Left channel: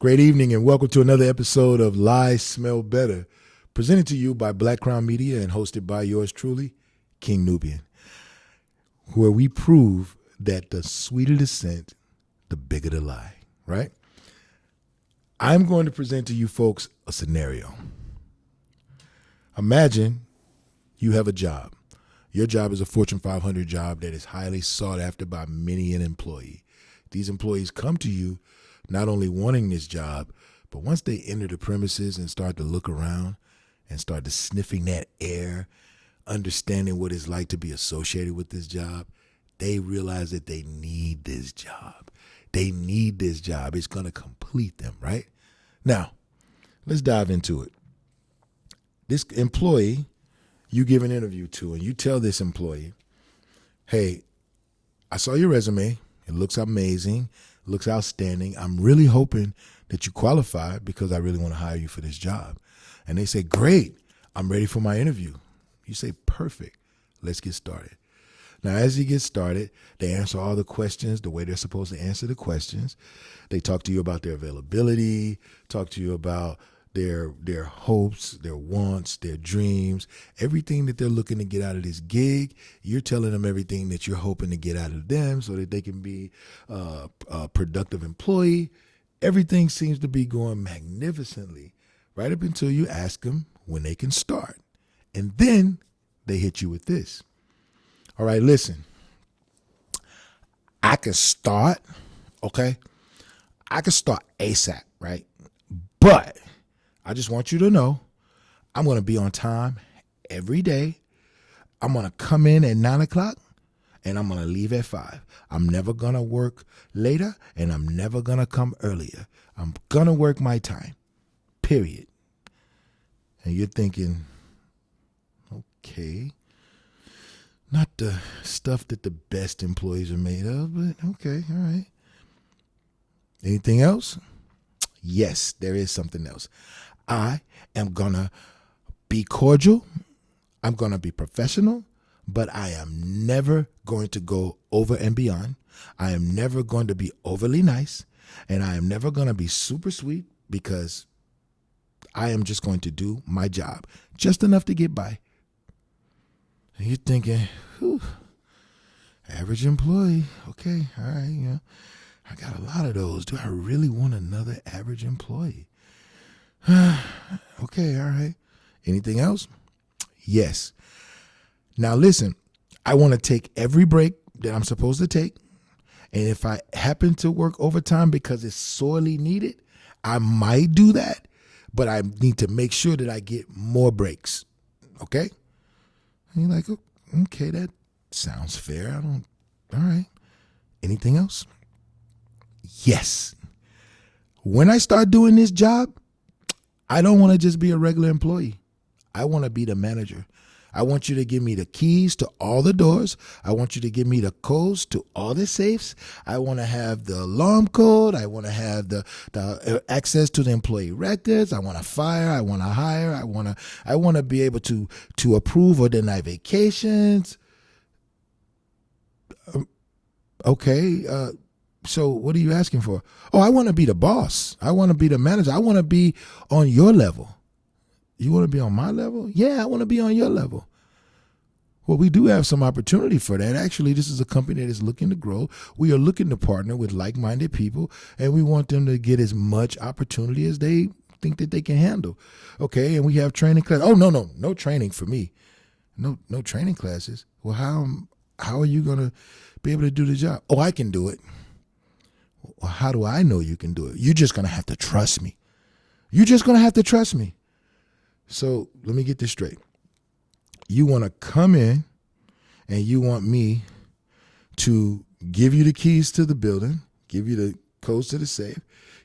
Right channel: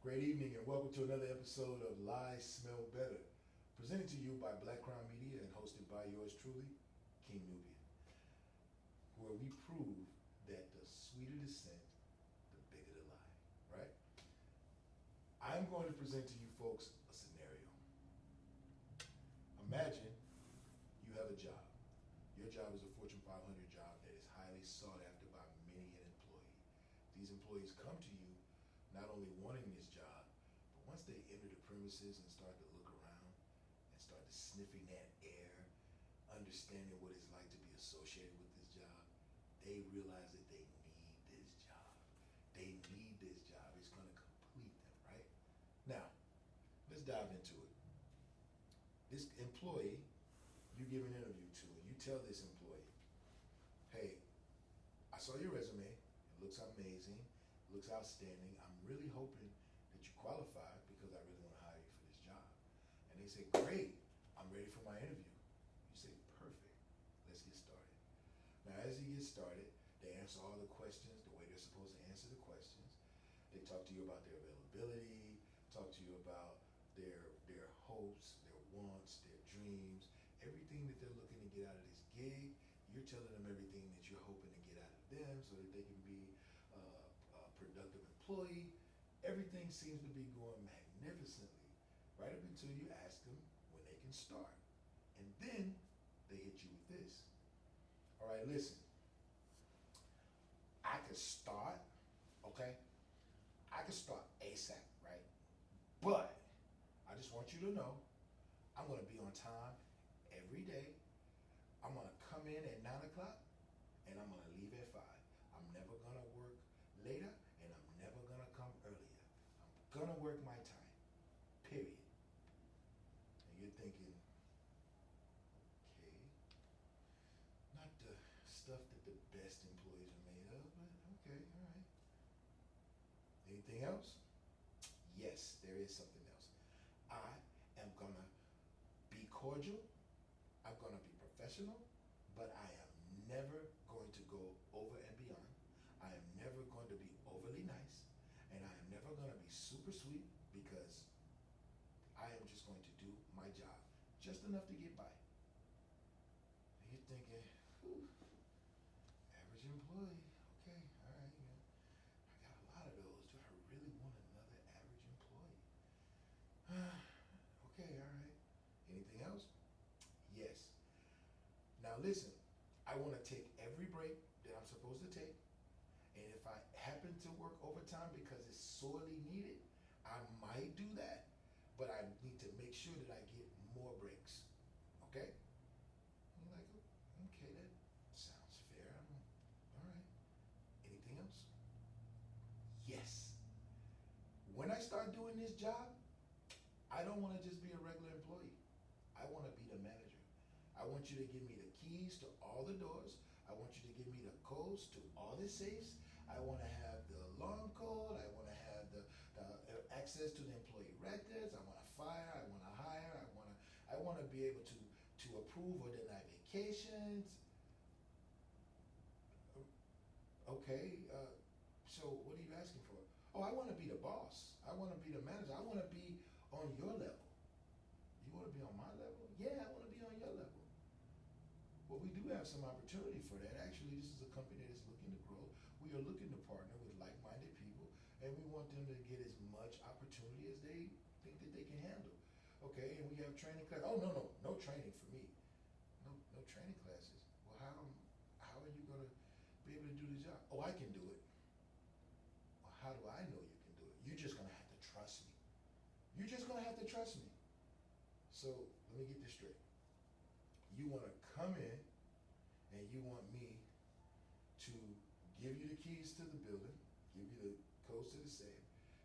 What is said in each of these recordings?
Great evening and welcome to another episode of Lies Smell Better, presented to you by Black Crown Media and hosted by yours truly, King Nubian, where we prove that the sweeter the scent, the bigger the lie, right? I'm going to present to you folks a scenario. Imagine you have a job. Your job is a Fortune 500 job that is highly sought after by many an employee. These employees come to you not only wanting this job, but once they enter the premises and start to look around and start to sniffing that air, understanding what it's like to be associated with this job, they realize that they need this job. They need this job. It's going to complete them, right? Now, let's dive into it. This employee, you give an interview to, and you tell this employee, hey, I saw your resume. It looks amazing. Looks outstanding. I'm really hoping that you qualify because I really want to hire you for this job. And they say, great, I'm ready for my interview. You say, perfect, let's get started. Now, as you get started, they answer all the questions the way they're supposed to answer the questions. They talk to you about their availability, talk to you about their hopes, their wants, their dreams, everything that they're looking to get out of this gig. You're telling them everything that you're hoping to get out of them so that they can be a productive employee. Everything seems to be going magnificently right up until you ask them when they can start. And then they hit you with this. All right, listen, I can start, okay? I can start ASAP, right? But I just want you to know I'm going to be on time every day. I'm going to come in at 9 o'clock and I'm going to leave at 5. I'm never going to work later and I'm never going to come earlier. I'm going to work my time, period. And you're thinking, okay, not the stuff that the best employees are made of, but okay, all right. Anything else? Yes, there is something else. I am going to be cordial. I'm going to be professional, but I am never going to go over and beyond. I am never going to be overly nice, and I am never going to be super sweet because I am just going to do my job, just enough to get by. And you're thinking, whew, average employee. Okay, all right, I got a lot of those. Do I really want another average employee? Okay, all right. Anything else? Yes. Now listen, I want to take every break that I'm supposed to take. And if I happen to work overtime because it's sorely needed, I might do that. But I need to make sure that I get more breaks. Okay? And you're like, okay, that sounds fair. All right. Anything else? Yes. When I start doing this job, I don't want to just be a regular employee. I want to be the manager. I want you to give me the keys to all the doors. I want you to give me the codes to all the safes. I want to have the alarm code. I want to have the access to the employee records. I want to fire. I want to hire. I want to be able to approve or deny vacations. Okay. So what are you asking for? Oh, I want to be the boss. I want to be the manager. I want to be on your level. You want to be on my level? Yeah, I want to be on your level. Well, we do have some opportunity for that. Actually, this is a company that is looking to grow. We are looking to partner with like-minded people, and we want them to get as much opportunity as they think that they can handle. Okay, and we have training classes. Oh, no training for me. No training classes. Well, how are you going to be able to do the job? Oh, I can do it. Well, how do I know you can do it? You're just going to have to trust me. You're just going to have to trust me. So let me get this straight. You want to come in and you want me to give you the keys to the building, give you the codes to the safe,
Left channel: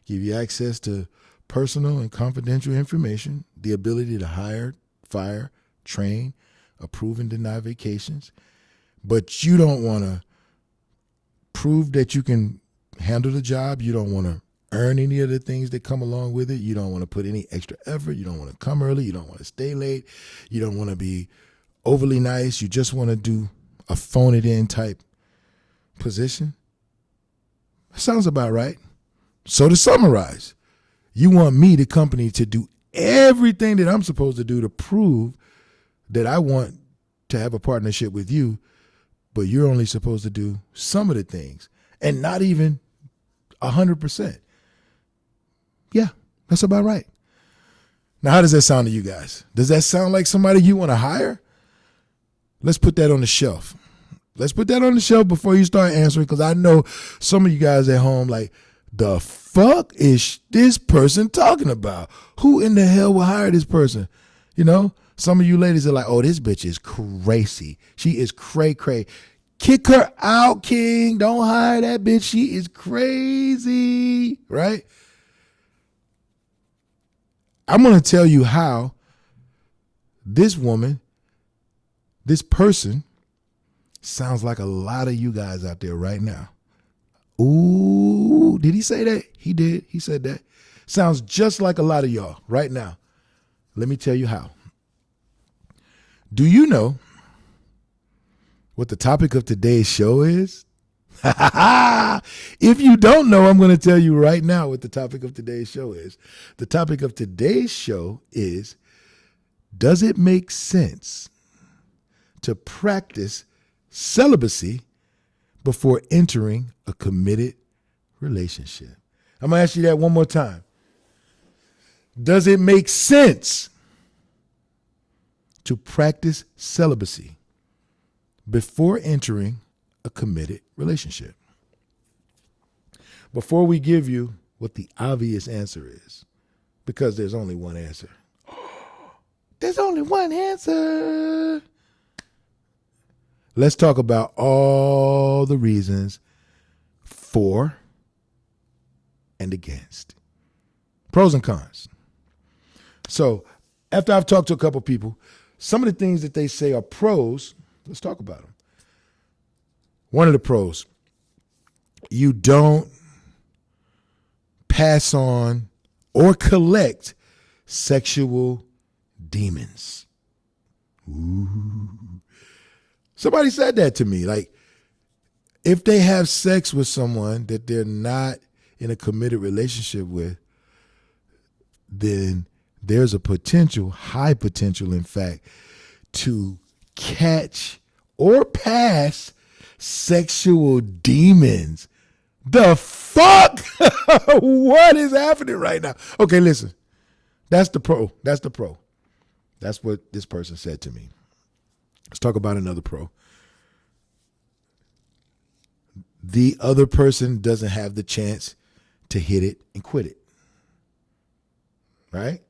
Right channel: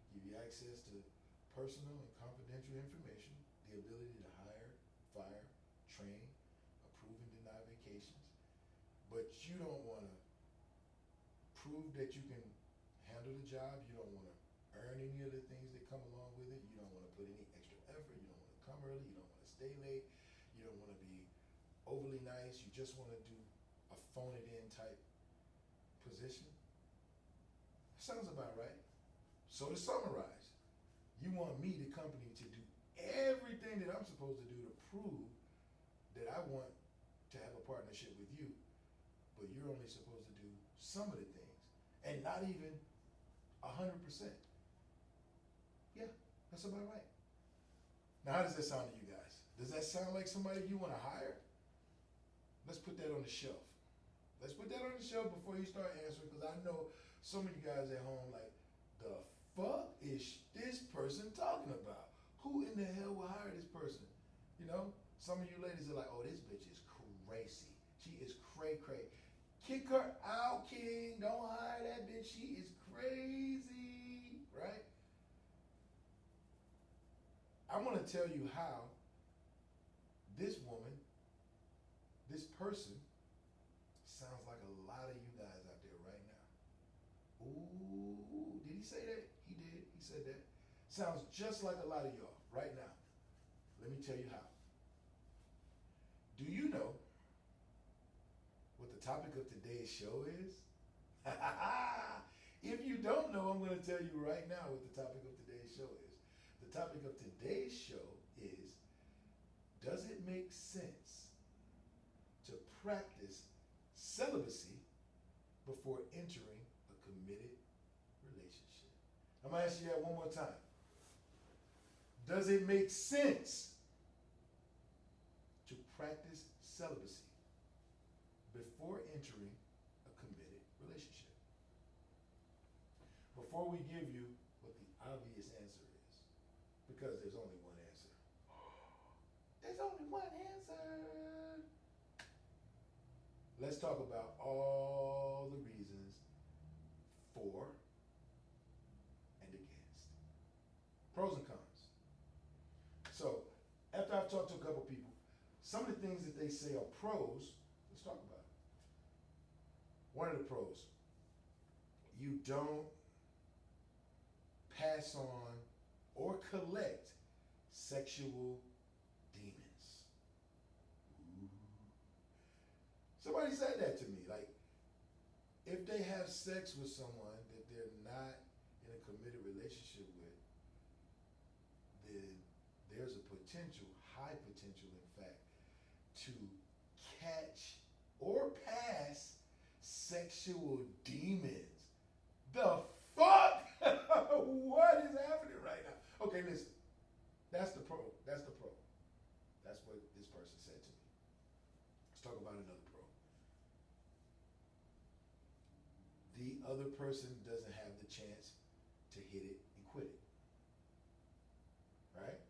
give you access to personal and confidential information, the ability to hire, fire, train, approve and deny vacations. But you don't want to prove that you can handle the job. You don't want to earn any of the things that come along with it. You don't want to put any extra effort. You don't want to come early. You don't want to stay late. You don't want to be overly nice. You just want to do a phone it in type position. Sounds about right. So to summarize, You want me, the company, to do everything that I'm supposed to do to prove that I want to have a partnership with you, but you're only supposed to do some of the things and not even 100%. Yeah, that's about right. Now, how does that sound to you guys? Does that sound like somebody you want to hire? Let's put that on the shelf. Let's put that on the shelf before you start answering, because I know some of you guys at home like, the fuck is this person talking about? Who in the hell will hire this person? You know, some of you ladies are like, oh, this bitch is crazy. She is cray-cray. Kick her out, King. Don't hire that bitch. She is crazy, right? I'm going to tell you how this woman, this person, sounds like a lot of you guys out there right now. Ooh, did he say that? He did. He said that. Sounds just like a lot of y'all right now. Let me tell you how. Do you know what the topic of today's show is? If you don't know, I'm going to tell you right now what the topic of today's show is. The topic of today's show is, does it make sense to practice celibacy before entering a committed relationship? I'm going to ask you that one more time. Does it make sense to practice celibacy before entering a committed relationship? Before we give you what the obvious answer is, because there's only one answer. There's only one answer. Let's talk about all the reasons for and against. Pros and cons. So after I've talked to a couple people, some of the things that they say are pros, let's talk about them. One of the pros, you don't pass on or collect sexual demons. Ooh. Somebody said that to me. Like, if they have sex with someone that they're not in a committed relationship with, then there's a potential, high potential, in fact, to catch or pass sexual demons. The fuck? What is happening right now? Okay, listen. That's the pro. That's the pro. That's what this person said to me. Let's talk about another pro. The other person doesn't have the chance to hit it and quit it. Right?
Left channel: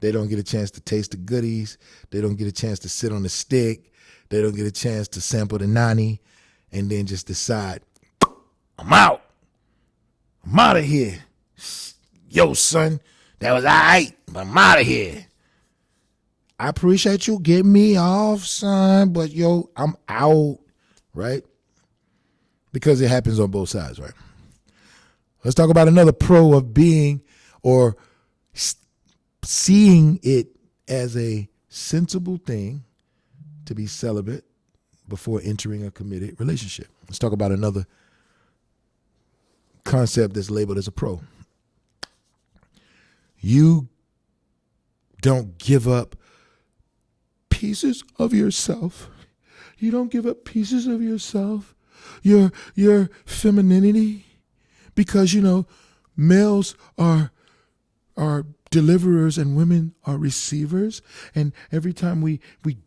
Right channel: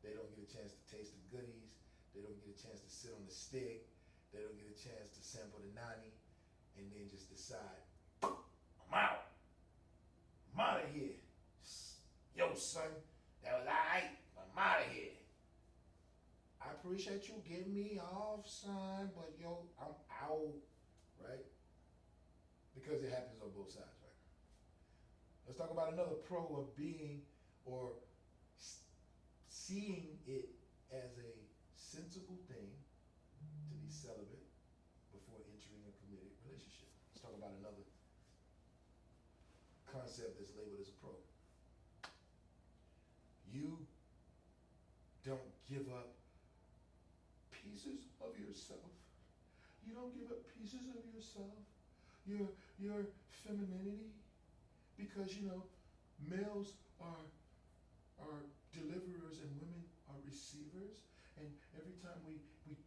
They don't get a chance to taste the goodies. They don't get a chance to sit on the stick. They don't get a chance to sample the nani and then just decide, I'm out. I'm out of here. Yo, son, that was all right, but I'm out of here. I appreciate you getting me off, son, but yo, I'm out, right? Because it happens on both sides, right? Let's talk about another pro of being or seeing it as a sensible thing to be celibate before entering a committed relationship. Let's talk about another concept that's labeled as a pro. You don't give up pieces of yourself. You don't give up pieces of yourself, your femininity, because, you know, males are deliverers and women are receivers. And every time we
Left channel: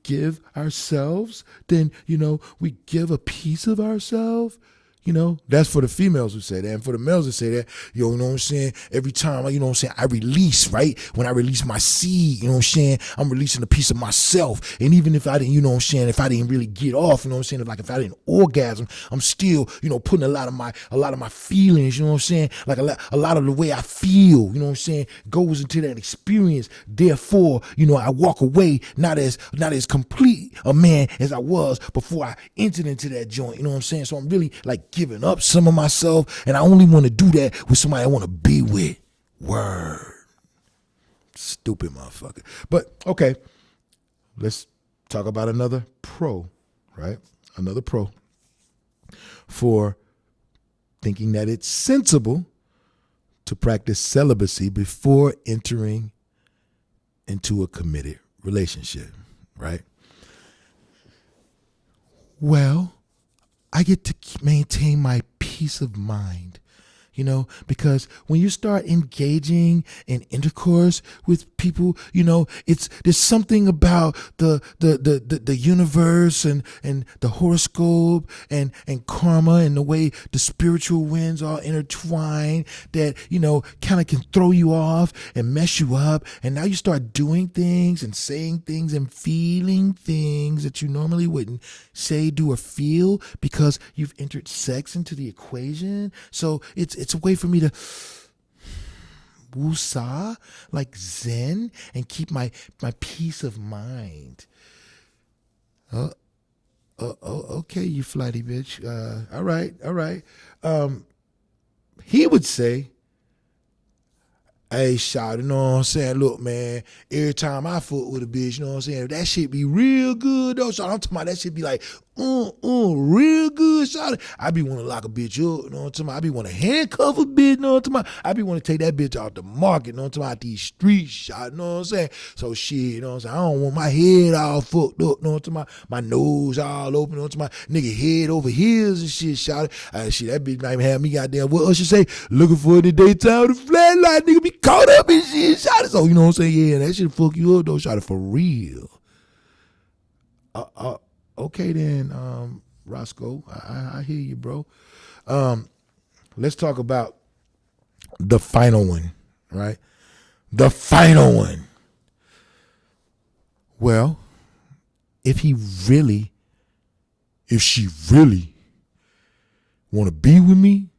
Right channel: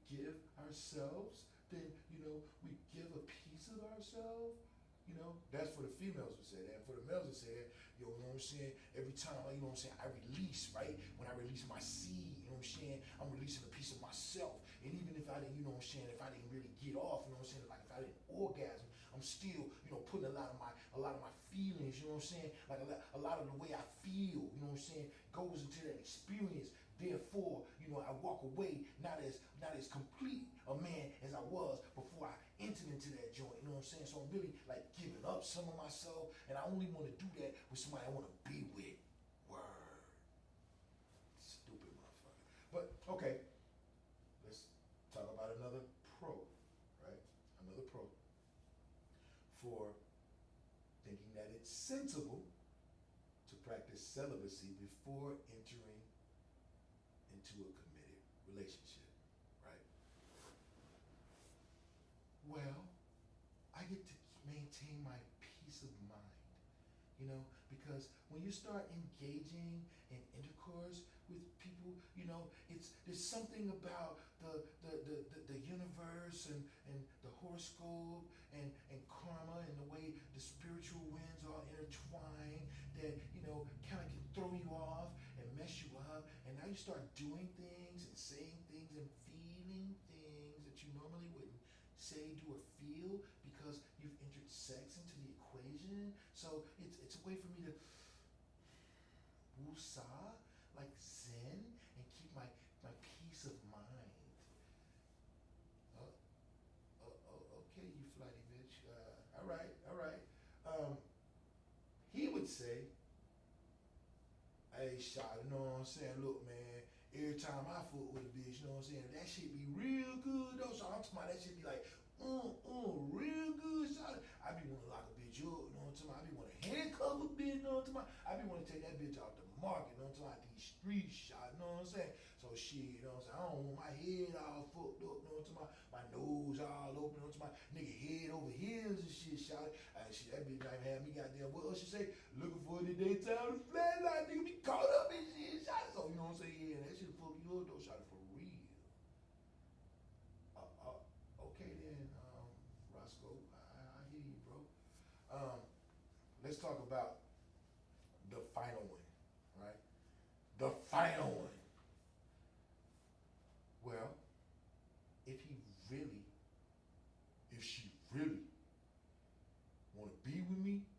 give ourselves, then, you know, we give a piece of ourselves. You know, that's for the females who say that. And for the males who say that, you know what I'm saying? Every time, you know what I'm saying, I release, right? When I release my seed, you know what I'm saying? I'm releasing a piece of myself. And even if I didn't, you know what I'm saying, if I didn't really get off, you know what I'm saying? Like if I didn't orgasm, I'm still, you know, putting a lot of my feelings, you know what I'm saying? Like a lot of the way I feel, you know what I'm saying, goes into that experience. Therefore, you know, I walk away not as complete a man as I was before I entered into that joint, you know what I'm saying? So I'm really like giving up some of myself, and I only want to do that with somebody I want to be with. Word. Stupid motherfucker. But okay, let's talk about another pro, right? Another pro for thinking that it's sensible to practice celibacy before entering into a committed relationship, right? Well, I get to maintain my peace of mind, because when you start engaging in intercourse with people, there's something about the universe and the horoscope and karma and the way the spiritual winds are intertwined that, kind of can throw you off and mess you up. And now you start doing things and saying things and feeling things that you normally wouldn't say, do, or feel because you've entered sex into the equation. So it's a way for me to woosah, like zen, and keep my peace of mind. Okay, you flighty bitch. All right. He would say, hey, shout, you know what I'm saying? Look, man, every time I fuck with a bitch, you know what I'm saying? That shit be real good, though. So I'm talking about that shit be like, real good, shout. I be want to lock a bitch up, you know what I'm talking about? I be want to handcuff a bitch, you know what I'm talking about? I be want to take that bitch out the market, you know what I'm talking about? These streets, shout, you know what I'm saying? So shit, you know what I'm saying? I don't want my head all fucked up, you know what I'm talking about? My nose all open, you know what I'm talking about? Nigga head over heels and shit, shout. Shit, that bitch might even have me goddamn, what else you say? Looking for in the daytime with a flashlight, nigga be caught up in shit, shout. So, you know what I'm saying? Yeah, that shit fuck you up, though, shout, for real. Okay then, Roscoe, I hear you, bro. Let's talk about the final one, right? The final one. Well, if she really want to be with me,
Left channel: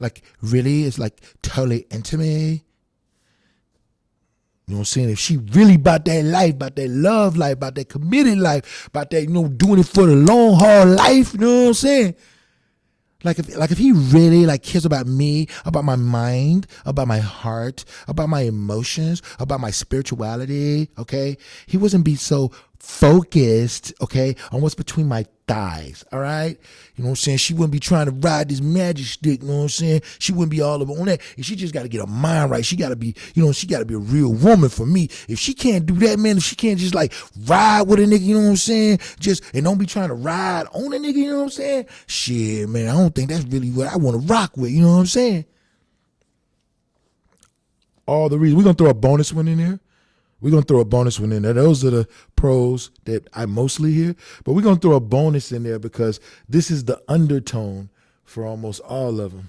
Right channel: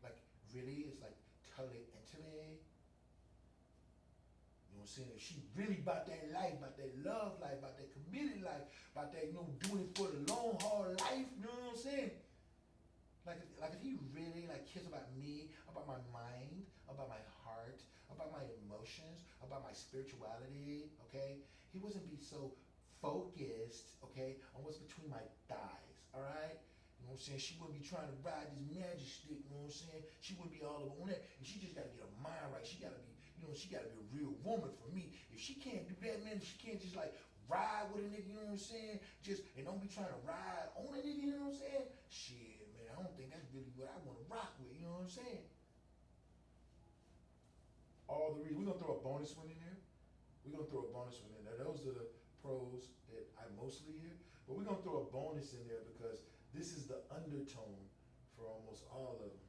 like really, it's like totally intimate. You know what I'm saying? If she really about that life, about that love life, about that committed life, about that, doing it for the long, hard life, you know what I'm saying? Like if he really cares about me, about my mind, about my heart, about my emotions, about my spirituality, okay? He wouldn't be so focused, okay, on what's between my thighs, all right? You know what I'm saying? She wouldn't be trying to ride this magic stick, you know what I'm saying? She wouldn't be all over on that. And she just got to get her mind right. She got to be, she got to be a real woman for me. If she can't do that, man, if she can't just ride with a nigga, you know what I'm saying? And don't be trying to ride on a nigga, you know what I'm saying? Shit, man, I don't think that's really what I want to rock with, you know what I'm saying? All the reasons. We're going to throw a bonus one in there. Those are the pros that I mostly hear. But we're going to throw a bonus in there because this is the undertone for almost all of them.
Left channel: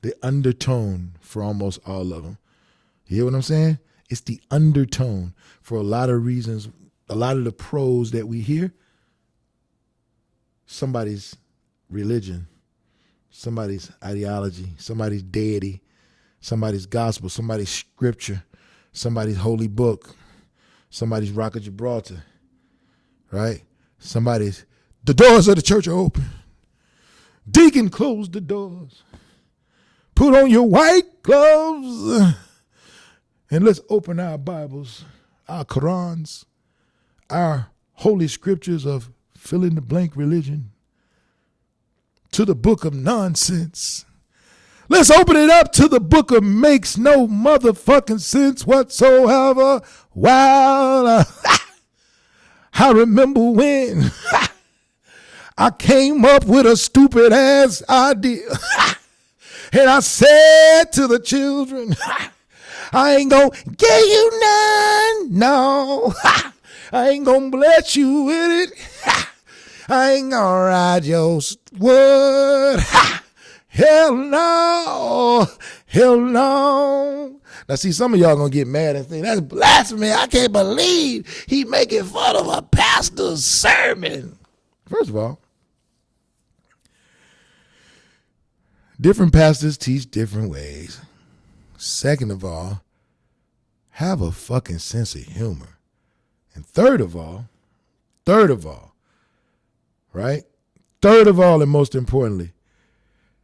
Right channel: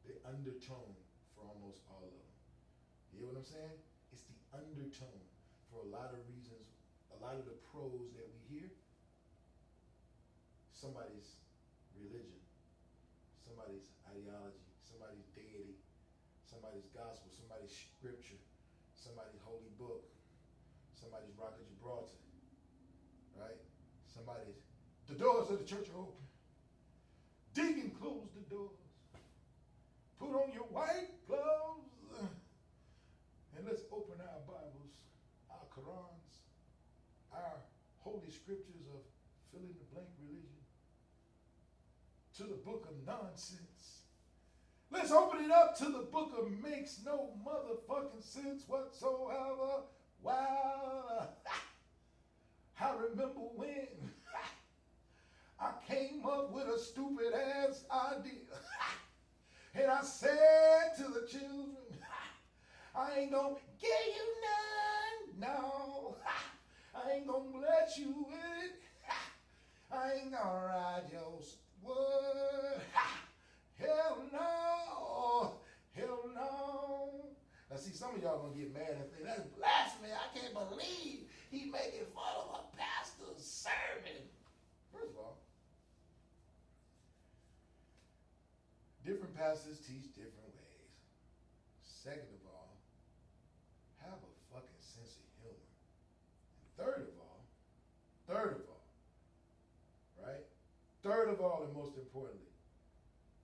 The undertone for almost all of them. You hear what I'm saying? It's the undertone for a lot of reasons. A lot of the pros that we hear, somebody's religion, somebody's ideology, somebody's deity, somebody's gospel, somebody's scripture, somebody's holy book, somebody's Rock of Gibraltar, right? The doors of the church are open. Deacon, close the doors. Put on your white gloves and let's open our Bibles, our Qurans, our holy scriptures of fill in the blank religion to the book of nonsense. Let's open it up to the book of makes no motherfucking sense whatsoever. Wow. I remember when I came up with a stupid ass idea. And I said to the children, I ain't gonna give you none, no. I ain't gonna bless you with it. I ain't gonna ride your word. Hell no. Hell no. Now, see, some of y'all gonna get mad and think, that's blasphemy. I can't believe he making fun of a pastor's sermon. First of all, different pastors teach different ways. Second of all, have a fucking sense of humor. And third of all, right? Third of all, and most importantly,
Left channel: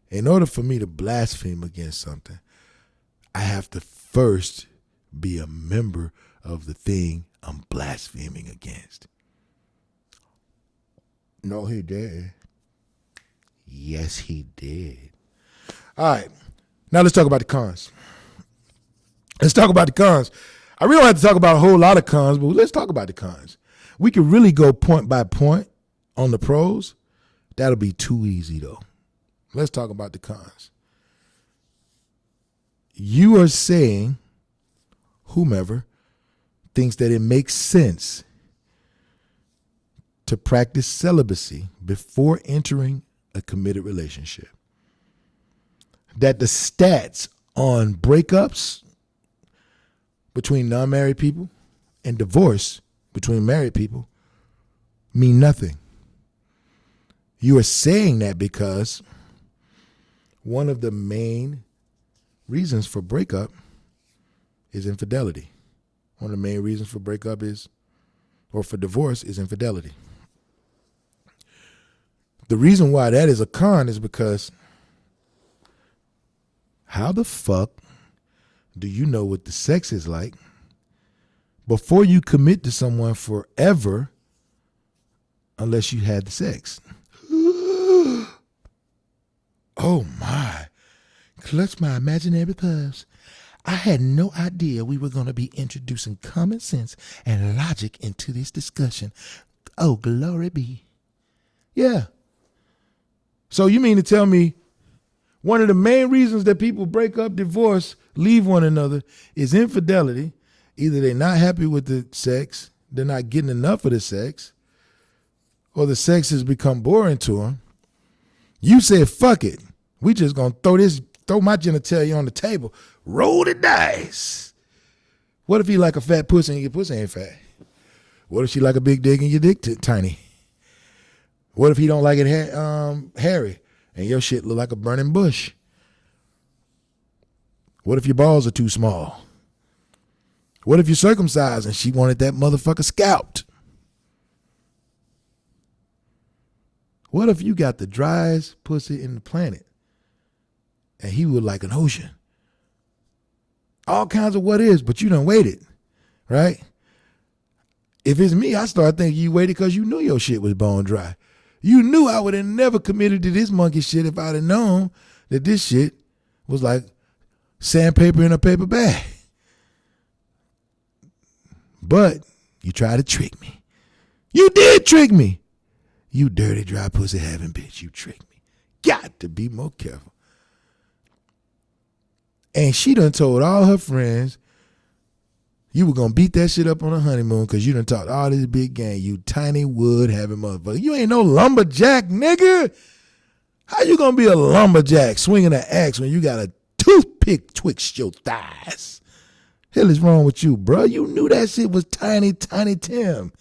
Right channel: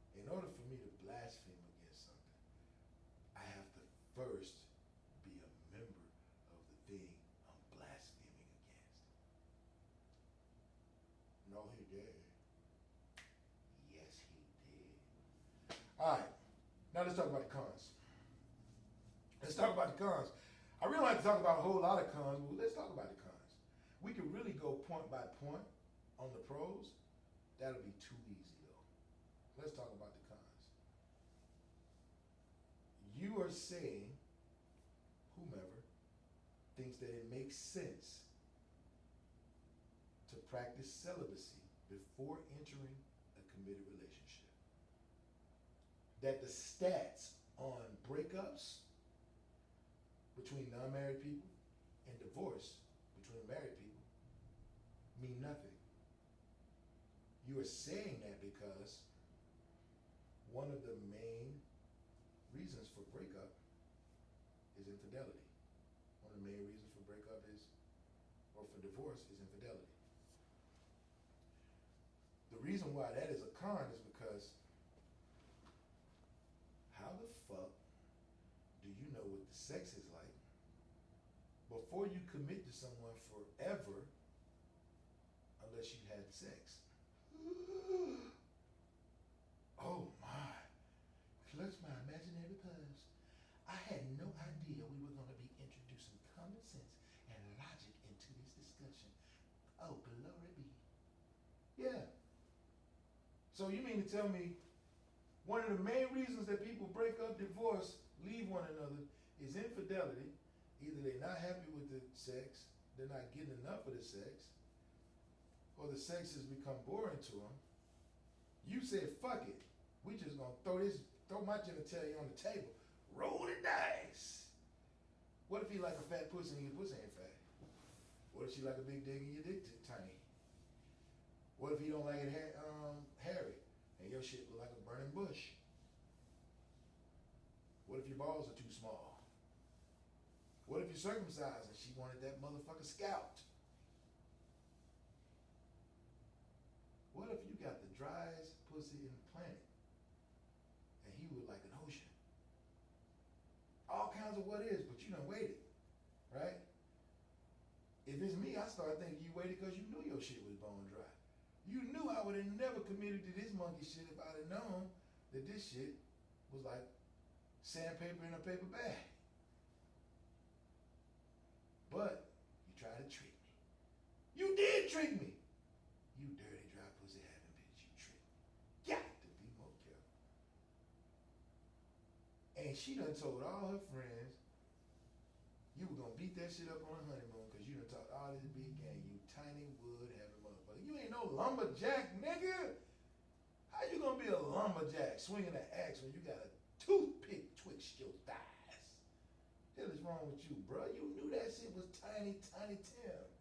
in order for me to blaspheme against something, I have to first be a member of the thing I'm blaspheming against. No, he did. Yes, he did. All right. Now let's talk about the cons. Let's talk about the cons. I really don't have to talk about a whole lot of cons, but let's talk about the cons. We could really go point by point on the pros. That'll be too easy, though. Let's talk about the cons. You are saying, whomever thinks that it makes sense to practice celibacy before entering a committed relationship, that the stats on breakups between non-married people and divorce between married people mean nothing. You are saying that because one of the main reasons for breakup is infidelity. One of the main reasons for breakup is, or for divorce, is infidelity. The reason why that is a con is because how the fuck do you know what the sex is like before you commit to someone forever unless you had the sex? Oh my. Clutch my imaginary pearls. I had no idea we were going to be introducing common sense and logic into this discussion. Oh, glory be. Yeah. So you mean to tell me one of the main reasons that people break up, divorce, leave one another is infidelity. Either they're not happy with the sex, they're not getting enough of the sex, or the sex has become boring to them. You said, fuck it. We just going to throw my genitalia on the table. Roll the dice. What if he like a fat pussy and your pussy ain't fat? What if she like a big dick and your dick tiny? What if he don't like it hairy and your shit look like a burning bush? What if your balls are too small? What if you're circumcised and she wanted that motherfucker scalped? What if you got the driest pussy in the planet and he was like an ocean? All kinds of what ifs, but you done waited, right? If it's me, I start thinking you waited because you knew your shit was bone dry. You knew I would have never committed to this monkey shit if I'd have known that this shit was like sandpaper in a paper bag. But you tried to trick me. You did trick me. You dirty, dry pussy having bitch. You tricked me. Got to be more careful. And she done told all her friends you were going to beat that shit up on a honeymoon because you done talked all this big game. You tiny wood having motherfucker. You ain't no lumberjack, nigga. How you going to be a lumberjack swinging an axe when you got a toothpick twixt your thighs? Hell is wrong with you, bro? You knew that shit was tiny, tiny Tim.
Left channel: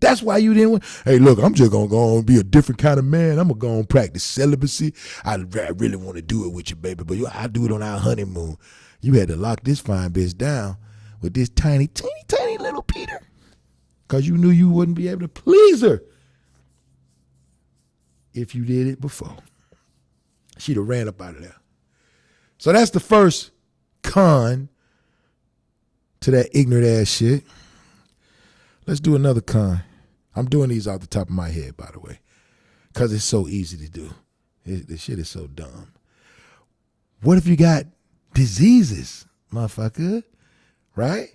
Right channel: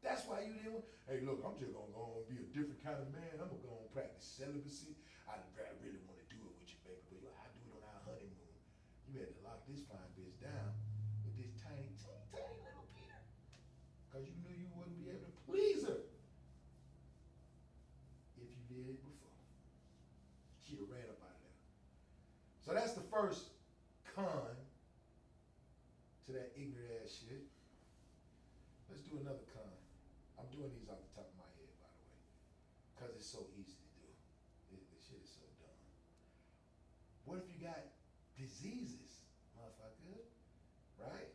That's why you didn't. Hey, look, I'm just going to go and be a different kind of man. I'm going to go and practice celibacy. I really want to do it with you, baby, but I'll do it on our honeymoon. You had to lock this fine bitch down with this tiny, teeny, tiny little Peter because you knew you wouldn't be able to please her if you did it before. She'd have ran up out of there. So that's the first con to that ignorant ass shit. Let's do another con. I'm doing these off the top of my head, by the way, because it's so easy to do. This shit is so dumb. What if you got diseases, motherfucker? Right?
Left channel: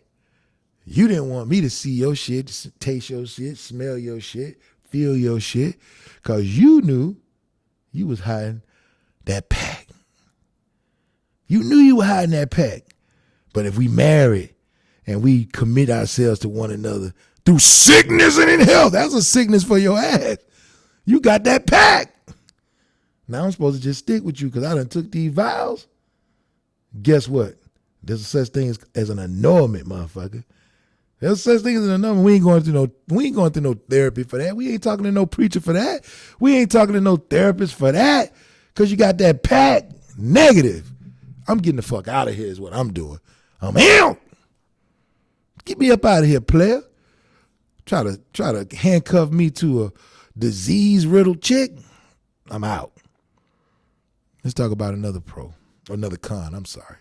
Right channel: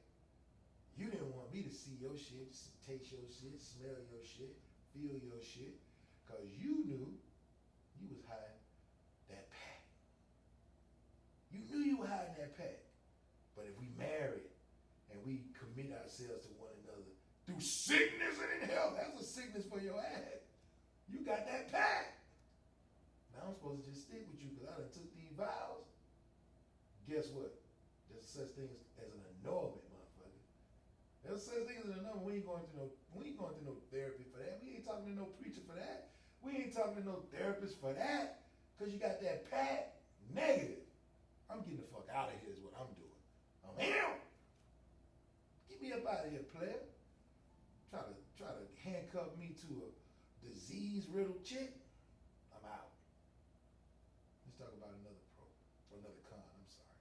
You didn't want me to see your shit, taste your shit, smell your shit, feel your shit, because you knew you was hiding that pack. You knew you were hiding that pack. But if we married and we commit ourselves to one another through sickness and in health, that's a sickness for your ass. You got that pack. Now I'm supposed to just stick with you because I done took these vows. Guess what? There's a such thing as an annulment, motherfucker. There's such thing as an annulment. We ain't going through no therapy for that. We ain't talking to no preacher for that. We ain't talking to no therapist for that. Because you got that pack. Negative. I'm getting the fuck out of here is what I'm doing. I'm out. Get me up out of here, player. Try to handcuff me to a disease-riddled chick. I'm out. Let's talk about another con. I'm sorry.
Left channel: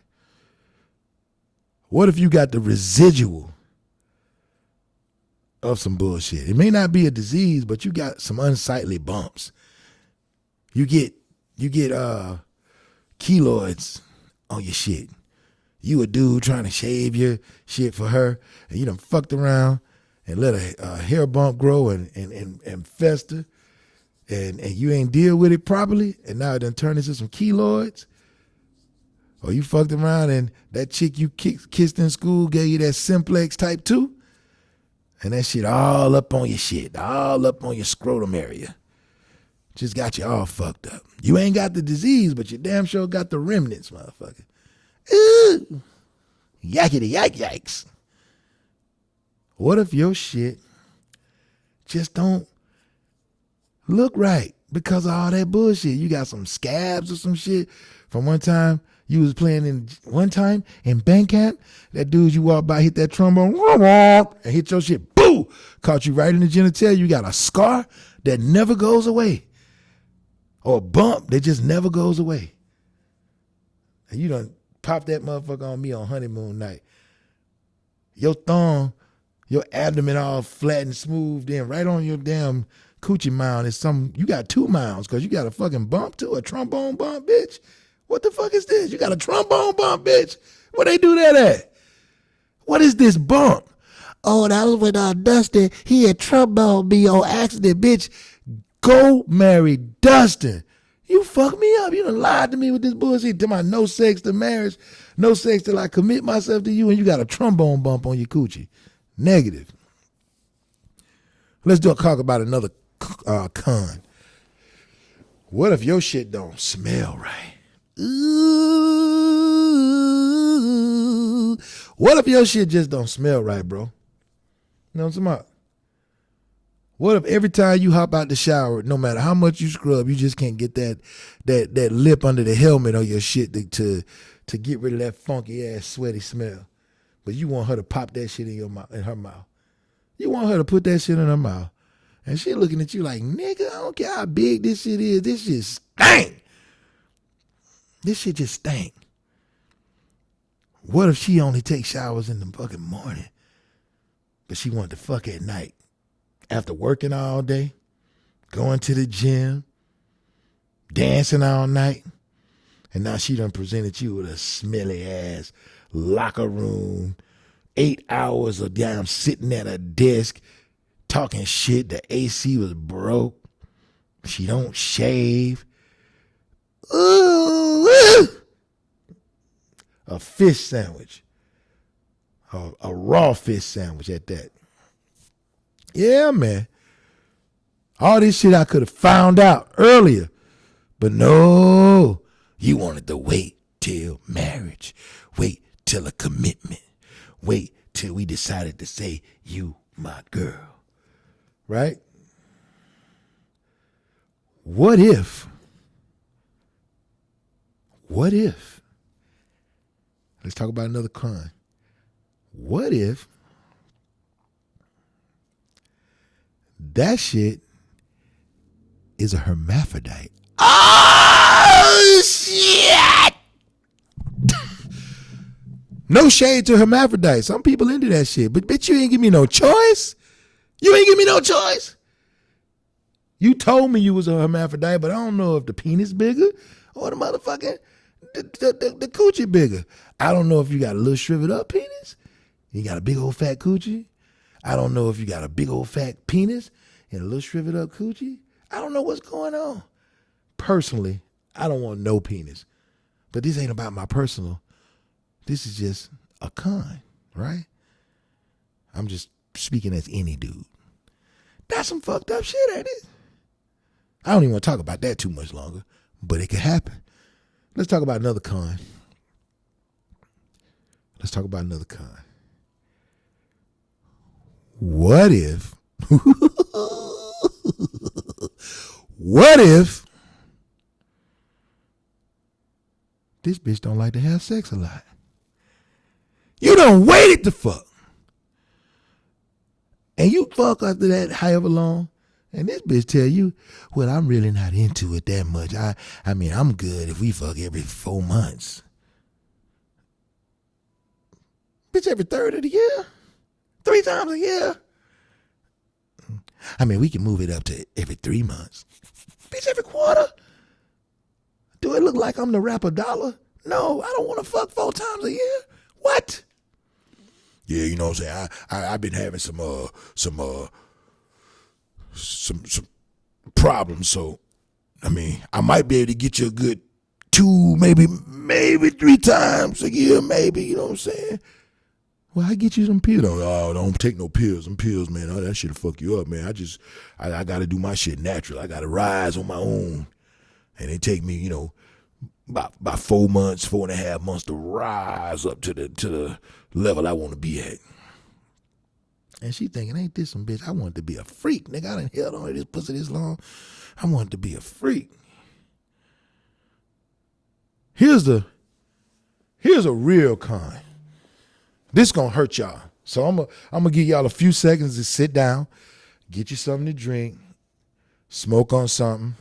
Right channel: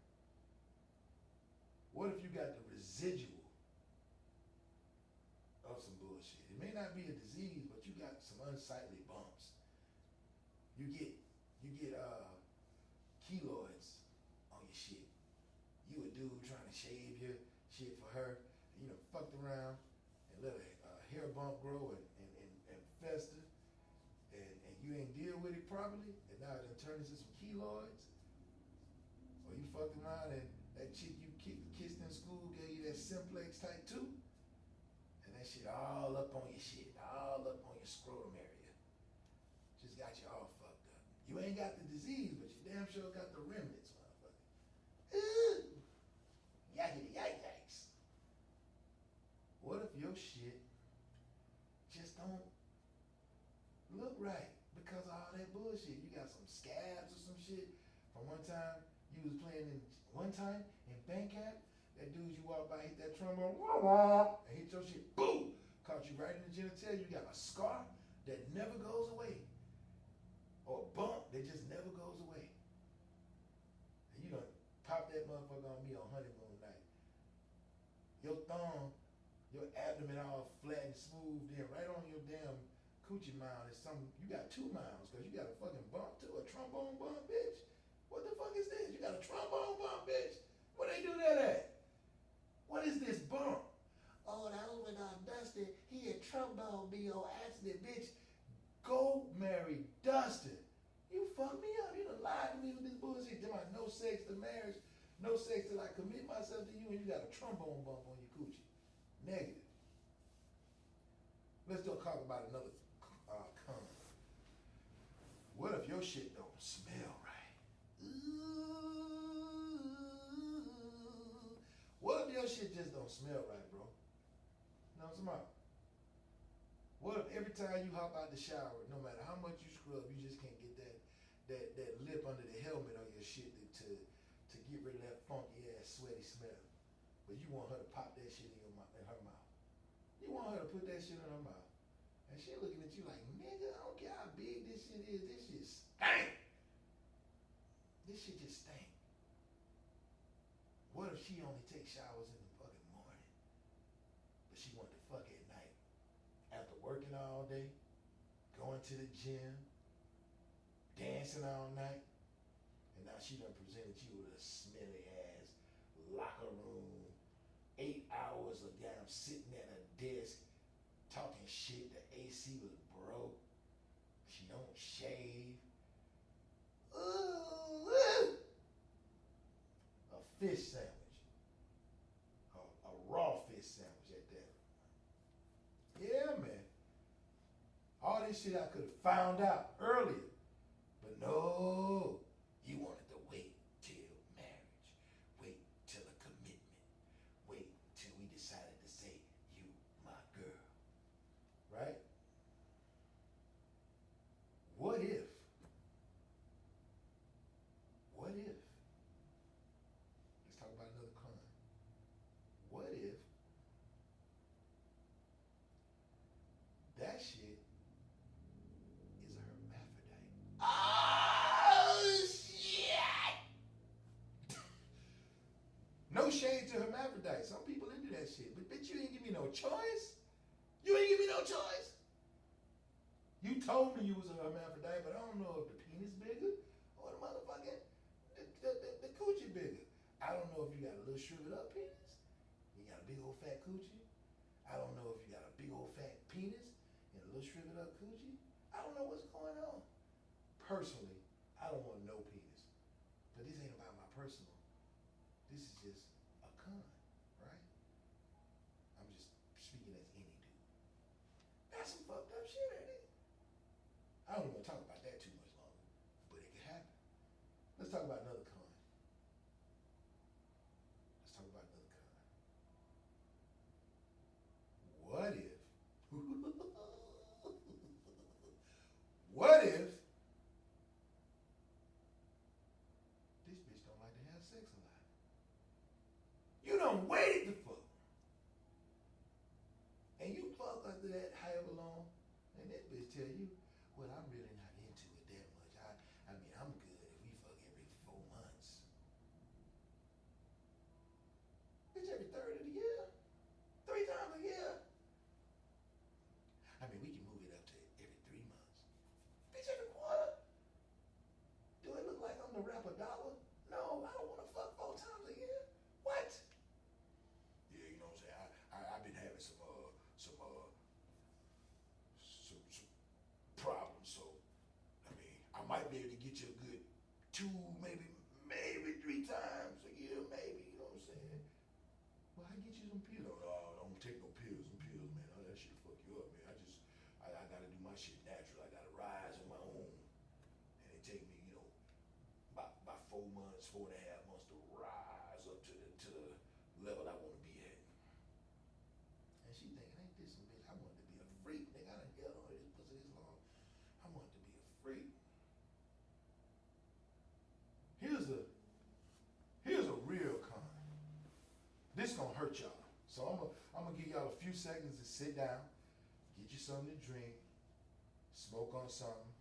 What if you got the residual of some bullshit? It may not be a disease, but you got some unsightly bumps. You get keloids on your shit. You a dude trying to shave your shit for her, and you done fucked around and let a hair bump grow and fester, and you ain't deal with it properly, and now it done turned into some keloids. Or you fucked around and that chick you kissed in school gave you that simplex type 2, and that shit all up on your shit, all up on your scrotum area. Just got you all fucked up. You ain't got the disease, but you damn sure got the remnants, motherfucker. Ooh, yakety yikes. What if your shit just don't look right because of all that bullshit? You got some scabs or some shit from one time you was playing in band camp. That dude you walked by hit that trombone and hit your shit. Boo! Caught you right in the genitalia. You got a scar that never goes away. Or a bump that just never goes away. And you done pop that motherfucker on me on honeymoon night. Your thumb, your abdomen all flat and smooth, then right on your damn coochie mound is you got 2 mounds because you got a fucking bump too, a trombone bump, bitch. What the fuck is this? You got a trombone bump, bitch. Where they do that at? What is this bump? Oh, that was when Dustin, he had trombone me on accident, bitch. Go marry Dustin. You fucked me up. You done lied to me with this bullshit. To my no sex to marriage, no sex till I commit myself to you, and you got a trombone bump on your coochie. Negative. Let's talk about another con. What if your shit don't smell right? Ooh. What if your shit just don't smell right, bro? You know what I'm talking about? What if every time you hop out the shower, no matter how much you scrub, you just can't get that lip under the helmet on your shit to get rid of that funky ass sweaty smell? But you want her to pop that shit in her mouth. You want her to put that shit in her mouth. And she looking at you like, nigga, I don't care how big this shit is. This shit stink. This shit just stink. What if she only takes showers in the fucking morning, but she want to fuck at night? After working all day, going to the gym, dancing all night, and now she done presented you with a smelly ass locker room, 8 hours of damn sitting at a desk, talking shit. The AC was broke. She don't shave. Ooh, a fish sandwich, a raw fish sandwich at that. Yeah, man. All this shit I could have found out earlier. But no, you wanted to wait till marriage. Wait till a commitment. Wait till we decided to say, you my girl. Right? What if? Let's talk about another con. What if that shit is a hermaphrodite? Oh, shit! No shade to hermaphrodites. Some people into that shit. But bitch, you ain't give me no choice. You ain't give me no choice. You told me you was a hermaphrodite, but I don't know if the penis bigger or the motherfucking the coochie bigger. I don't know if you got a little shriveled up penis. You got a big old fat coochie. I don't know if you got a big old fat penis and a little shriveled up coochie. I don't know what's going on. Personally, I don't want no penis. But this ain't about my personal. This is just a con, right? I'm just speaking as any dude. That's some fucked up shit, ain't it? I don't even want to talk about that too much longer, but it could happen. Let's talk about another con. What if this bitch don't like to have sex a lot? You done waited to fuck. And you fuck after that however long, and this bitch tell you, well, I'm really not into it that much. I mean, I'm good if we fuck every 4 months. Bitch, every third of the year? 3 times a year? I mean, we can move it up to every 3 months. Bitch, every quarter? Do it look like I'm the rapper Dollar? No, I don't want to fuck 4 times a year. What? Yeah, you know what I'm saying? I've been having some problems, so I mean, I might be able to get you a good 2, maybe 3 times a year, maybe, you know what I'm saying? Well, I get you some pills. No, don't take no pills. Some pills, man, that shit'll fuck you up, man. I gotta do my shit natural. I gotta rise on my own. And it take me, about 4 months, 4.5 months to rise up to the level I want to be at. And she thinking, ain't this some bitch? I want to be a freak, nigga. I done held on to this pussy this long. I want to be a freak. Here's a real con. This gonna hurt y'all. So I'm gonna give y'all a few seconds to sit down, get you something to drink, smoke on something.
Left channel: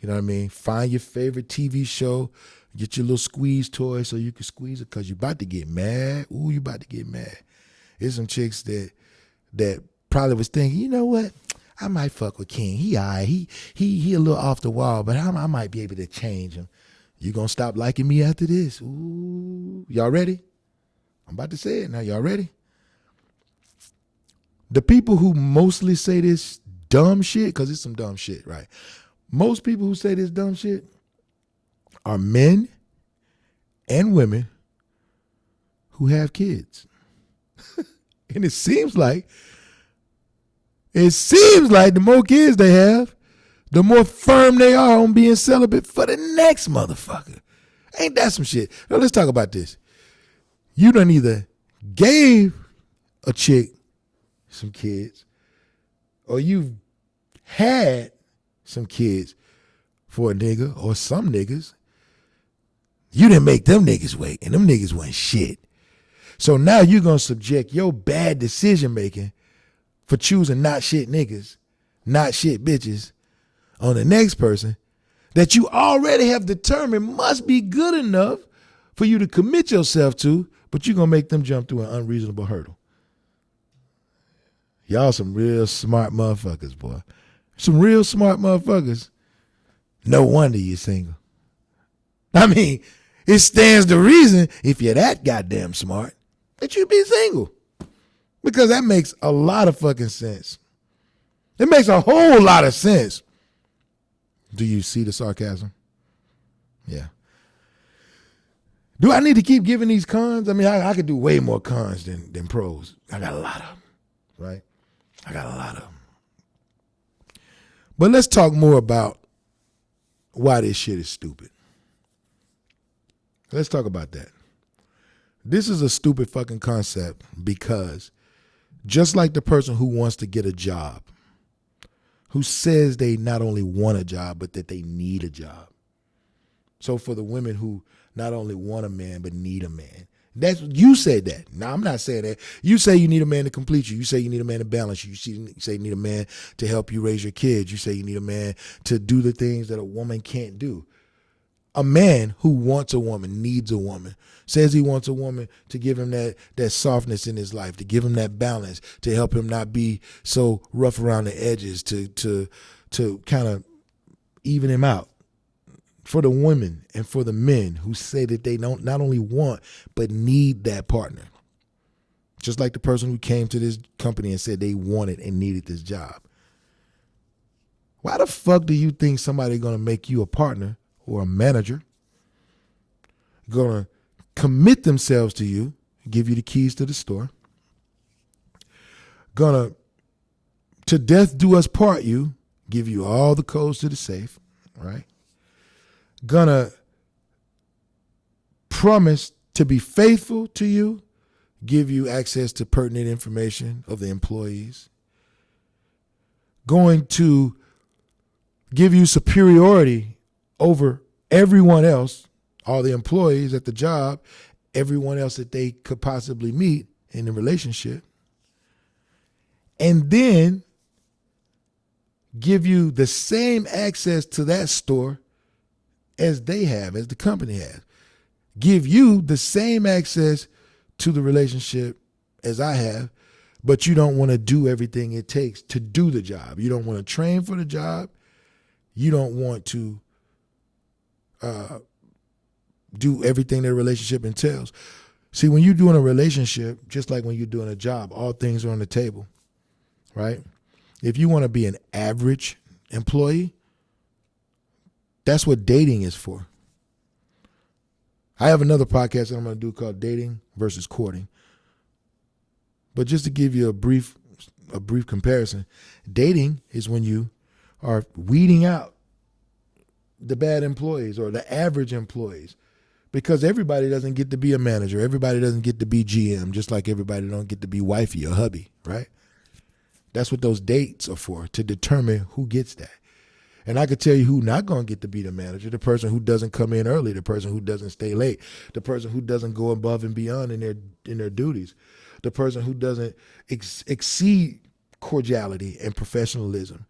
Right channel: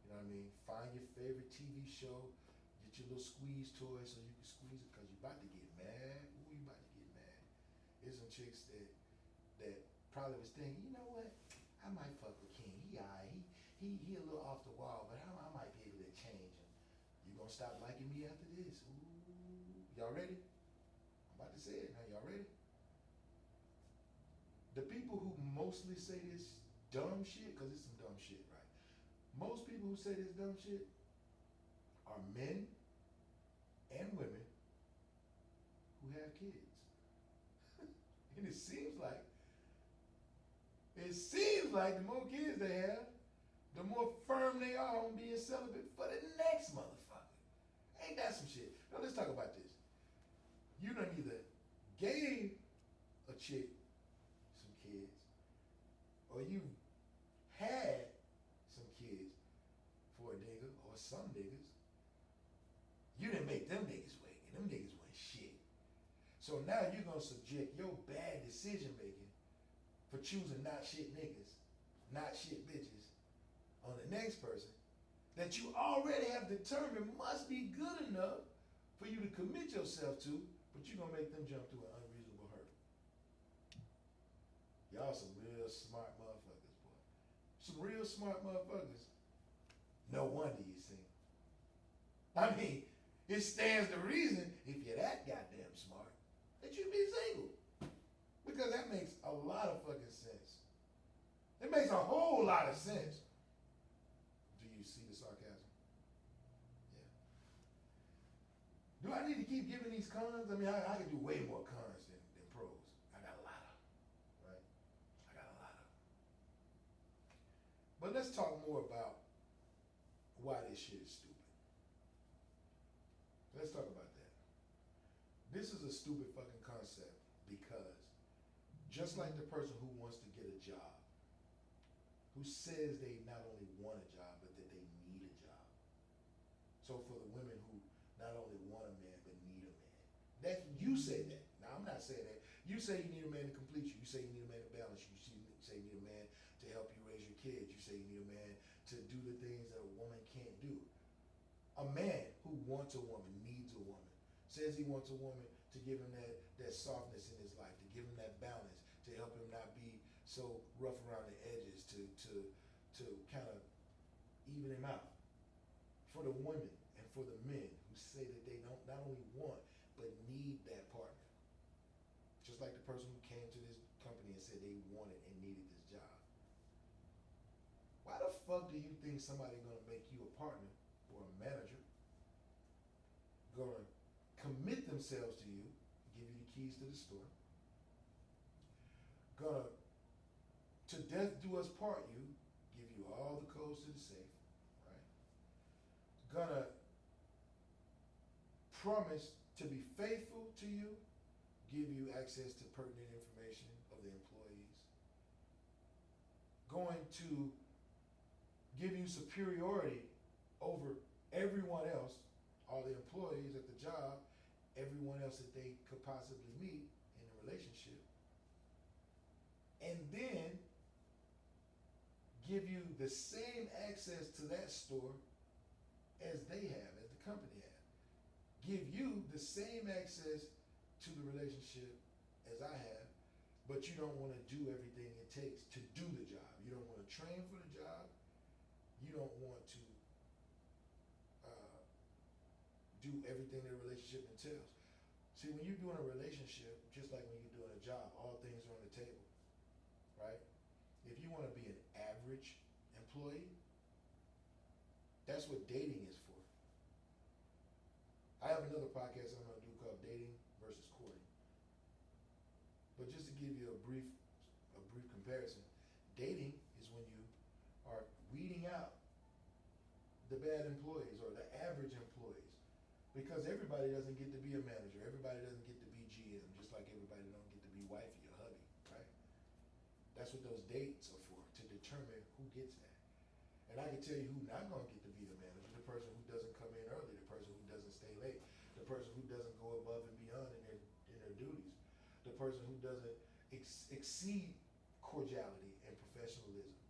You know what I mean? Find your favorite TV show, get your little squeeze toy so you can squeeze it, because you about to get mad. Ooh, you about to get mad. There's some chicks that probably was thinking, you know what? I might fuck with King. He all right. He a little off the wall, but I might be able to change him. You gonna stop liking me after this? Ooh, y'all ready? I'm about to say it now. Y'all ready? The people who mostly say this dumb shit, because it's some dumb shit, right? Most people who say this dumb shit are men and women who have kids. And it seems like the more kids they have, the more firm they are on being celibate for the next motherfucker. Ain't that some shit? Now let's talk about this. You done either gave a chick some kids, or you've had some kids for a nigga or some niggas. You didn't make them niggas wait, and them niggas wasn't shit. So now you're going to subject your bad decision making for choosing not shit niggas, not shit bitches on the next person that you already have determined must be good enough for you to commit yourself to, but you're going to make them jump through an unreasonable hurdle. Y'all some real smart motherfuckers, boy. Some real smart motherfuckers. No wonder you're single. I mean, it stands to reason, if you're that goddamn smart, that you be single. Because that makes a lot of fucking sense. It makes a whole lot of sense. Do you see the sarcasm? Yeah. Do I need to keep giving these cons? I mean, I could do way more cons than pros. I got a lot of them, right? I got a lot of them. But let's talk more about why this shit is stupid. Let's talk about that. This is a stupid fucking concept because just like the person who wants to get a job, who says they not only want a job, but that they need a job. So for the women who not only want a man, but need a man. That's you said that. Now, I'm not saying that. You say you need a man to complete you. You say you need a man to balance you. You say you need a man to help you raise your kids. You say you need a man to do the things that a woman can't do. A man who wants a woman, needs a woman, says he wants a woman to give him that softness in his life, to give him that balance, to help him not be so rough around the edges, to kind of even him out. For the women and for the men who say that they don't not only want but need that partner. Just like the person who came to this company and said they wanted and needed this job. Why the fuck do you think somebody's gonna make you a partner or a manager, gonna commit themselves to you, give you the keys to the store, gonna to death do us part you, give you all the codes to the safe, right? Gonna promise to be faithful to you, give you access to pertinent information of the employees, going to give you superiority over everyone else, all the employees at the job, everyone else that they could possibly meet in the relationship, and then give you the same access to that store as they have, as the company has. Give you the same access to the relationship as I have, but you don't want to do everything it takes to do the job. You don't want to train for the job. You don't want to do everything that a relationship entails. See, when you're doing a relationship, just like when you're doing a job, all things are on the table, right? If you want to be an average employee, that's what dating is for. I have another podcast that I'm going to do called Dating versus Courting. But just to give you a brief comparison, dating is when you are weeding out the bad employees or the average employees, because everybody doesn't get to be a manager. Everybody doesn't get to be GM, just like everybody don't get to be wifey or hubby, right? That's what those dates are for, to determine who gets that. And I could tell you who not going to get to be the manager: the person who doesn't come in early, the person who doesn't stay late, the person who doesn't go above and beyond in their duties, the person who doesn't exceed cordiality and professionalism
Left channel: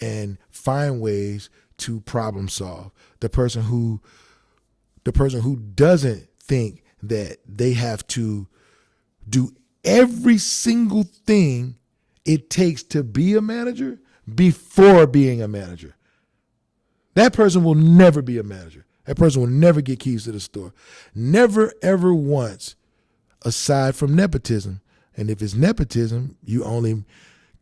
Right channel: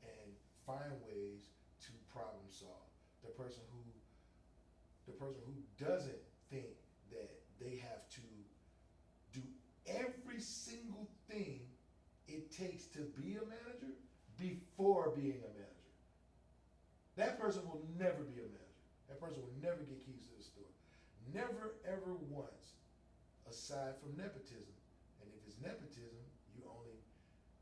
and find ways to problem solve, the person who doesn't think that they have to do every single thing it takes to be a manager before being a manager. That person will never be a manager. That person will never get keys to the store. Never, ever once, aside from nepotism. And if it's nepotism, you only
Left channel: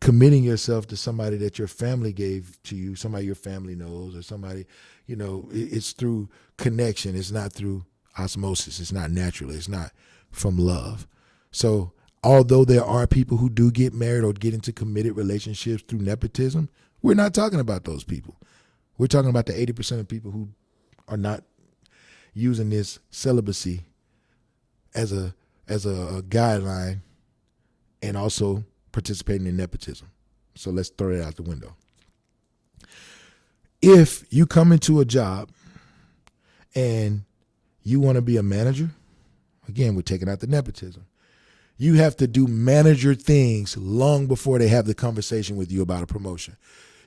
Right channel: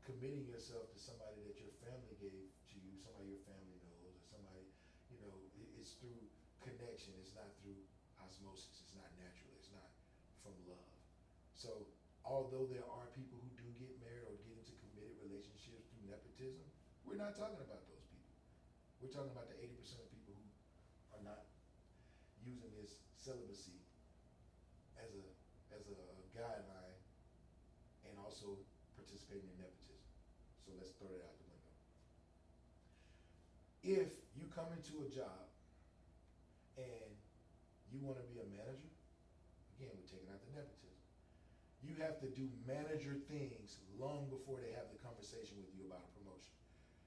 committing yourself to somebody that your family gave to you, somebody your family knows, or somebody, it's through connection. It's not through osmosis. It's not naturally. It's not from love. So although there are people who do get married or get into committed relationships through nepotism, we're not talking about those people. We're talking about the 80% of people who are not using this celibacy as a guideline and also participating in nepotism. So let's throw it out the window. If you come into a job and you want to be a manager, again, we're taking out the nepotism. You have to do manager things long before they have the conversation with you about a promotion.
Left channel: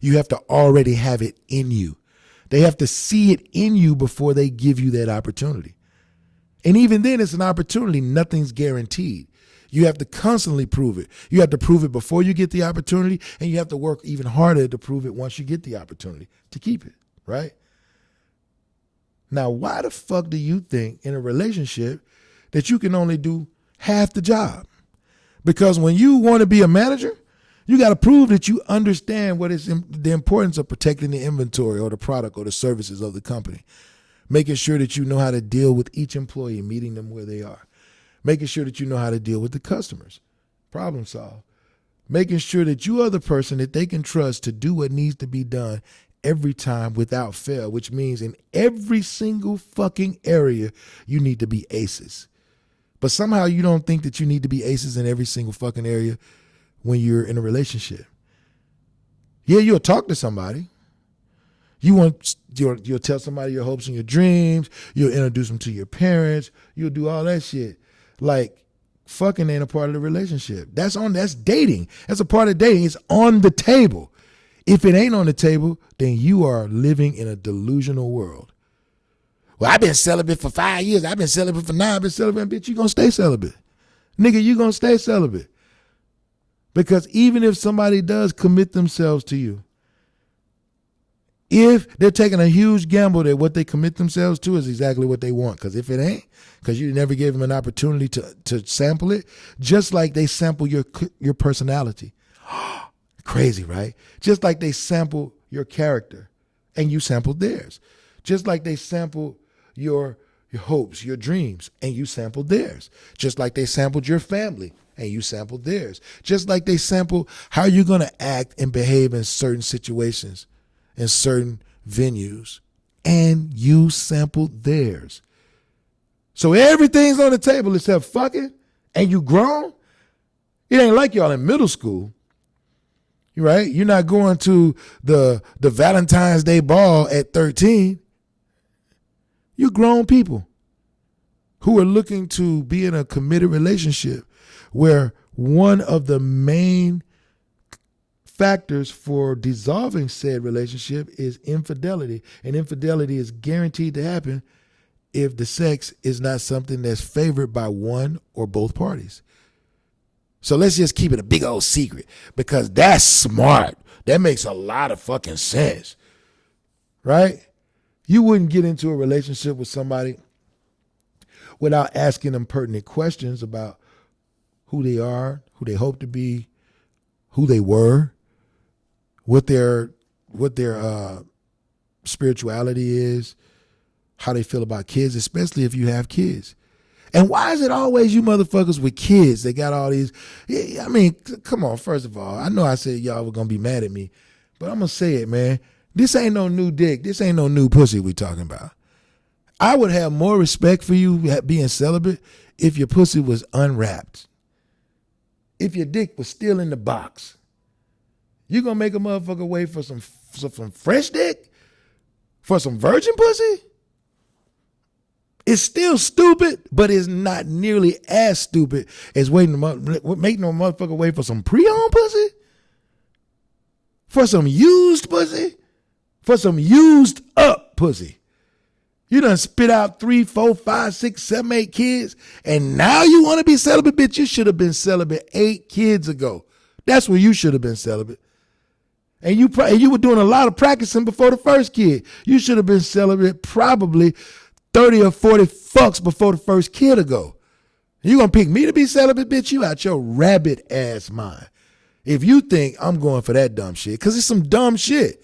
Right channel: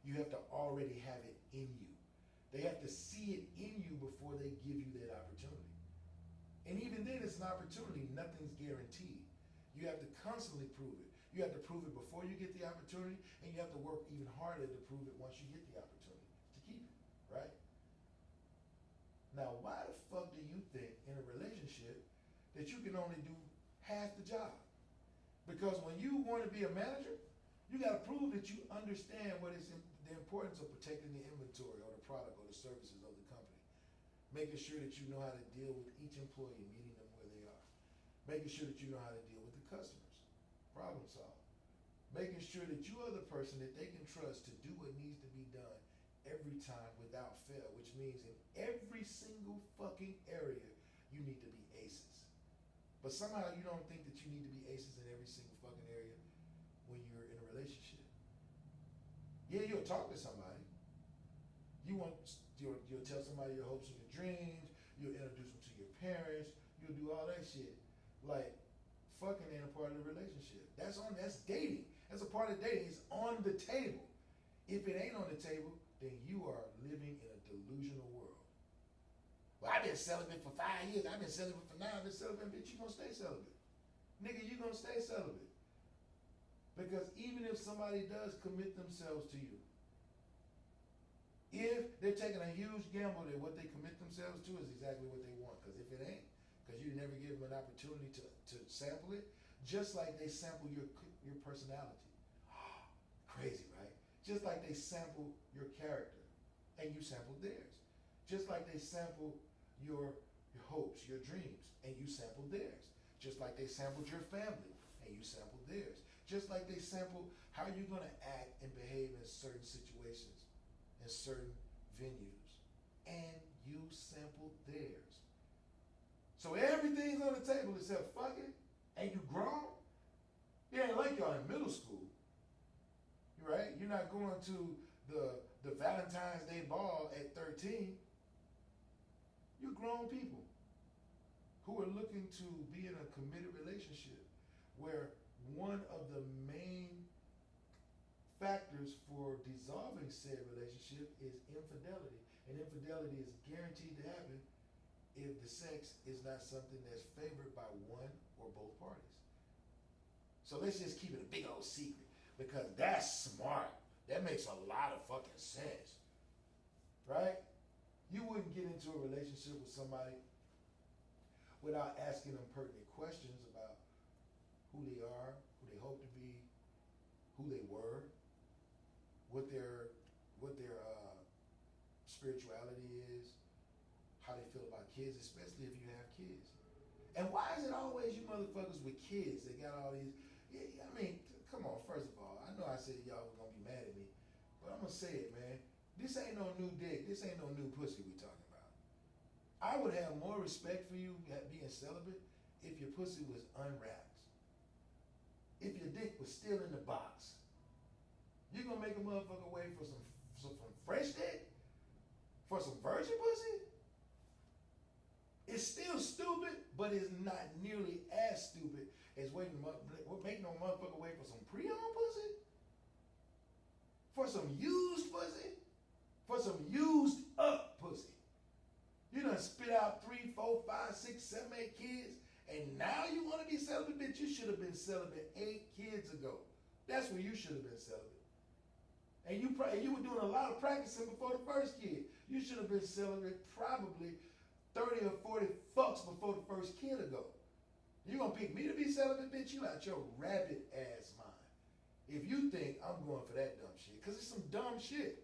You have to already have it in you. They have to see it in you before they give you that opportunity. And even then, it's an opportunity. Nothing's guaranteed. You have to constantly prove it. You have to prove it before you get the opportunity, and you have to work even harder to prove it once you get the opportunity to keep it, right? Now, why the fuck do you think in a relationship that you can only do half the job? Because when you want to be a manager, you got to prove that you understand what is the importance of protecting the inventory or the product or the services of the company, making sure that you know how to deal with each employee, meeting them where they are, making sure that you know how to deal with the customers, problem solve, making sure that you are the person that they can trust to do what needs to be done every time without fail, which means in every single fucking area, you need to be aces. But somehow you don't think that you need to be aces in every single fucking area when you're in a relationship. Yeah, you'll talk to somebody. You'll tell somebody your hopes and your dreams. You'll introduce them to your parents. You'll do all that shit. Like, fucking ain't a part of the relationship. That's dating. That's a part of dating. It's on the table. If it ain't on the table, then you are living in a delusional world. Well, I've been celibate for 5 years. I've been celibate for 9. I've been celibate. Bitch, you gonna stay celibate. Nigga, you gonna stay celibate. Because even if somebody does commit themselves to you, if they're taking a huge gamble that what they commit themselves to is exactly what they want, because if it ain't, because you never gave them an opportunity to sample it, just like they sample your personality. Crazy, right? Just like they sample your character and you sampled theirs. Just like they sample your hopes, your dreams, and you sampled theirs. Just like they sampled your family and you sampled theirs. Just like they sample how you're going to act and behave in certain situations, in certain venues, and you sampled theirs. So everything's on the table except fucking, and you grown. It ain't like y'all in middle school, right? You're not going to the Valentine's Day ball at 13. You're grown people who are looking to be in a committed relationship where one of the main factors for dissolving said relationship is infidelity. And infidelity is guaranteed to happen if the sex is not something that's favored by one or both parties. So let's just keep it a big old secret, because that's smart. That makes a lot of fucking sense, right? You wouldn't get into a relationship with somebody without asking them pertinent questions about who they are, who they hope to be, who they were, what their spirituality is, how they feel about kids, especially if you have kids. And why is it always you motherfuckers with kids? They got all these. I mean, come on. First of all, I know I said y'all were gonna be mad at me, but I'm gonna say it, man. This ain't no new dick. This ain't no new pussy we talking about. I would have more respect for you being celibate if your pussy was unwrapped. If your dick was still in the box. You gonna make a motherfucker wait for some fresh dick? For some virgin pussy? It's still stupid, but it's not nearly as stupid as making a motherfucker wait for some pre-owned pussy? For some used pussy? For some used up pussy? You done spit out 3, 4, 5, 6, 7, 8 kids, and now you want to be celibate? Bitch, you should have been celibate 8 kids ago. That's where you should have been celibate. And you were doing a lot of practicing before the first kid. You should have been celibate probably 30 or 40 fucks before the first kid ago. You gonna pick me to be celibate, bitch? You out your rabbit ass mind. If you think I'm going for that dumb shit, because it's some dumb shit.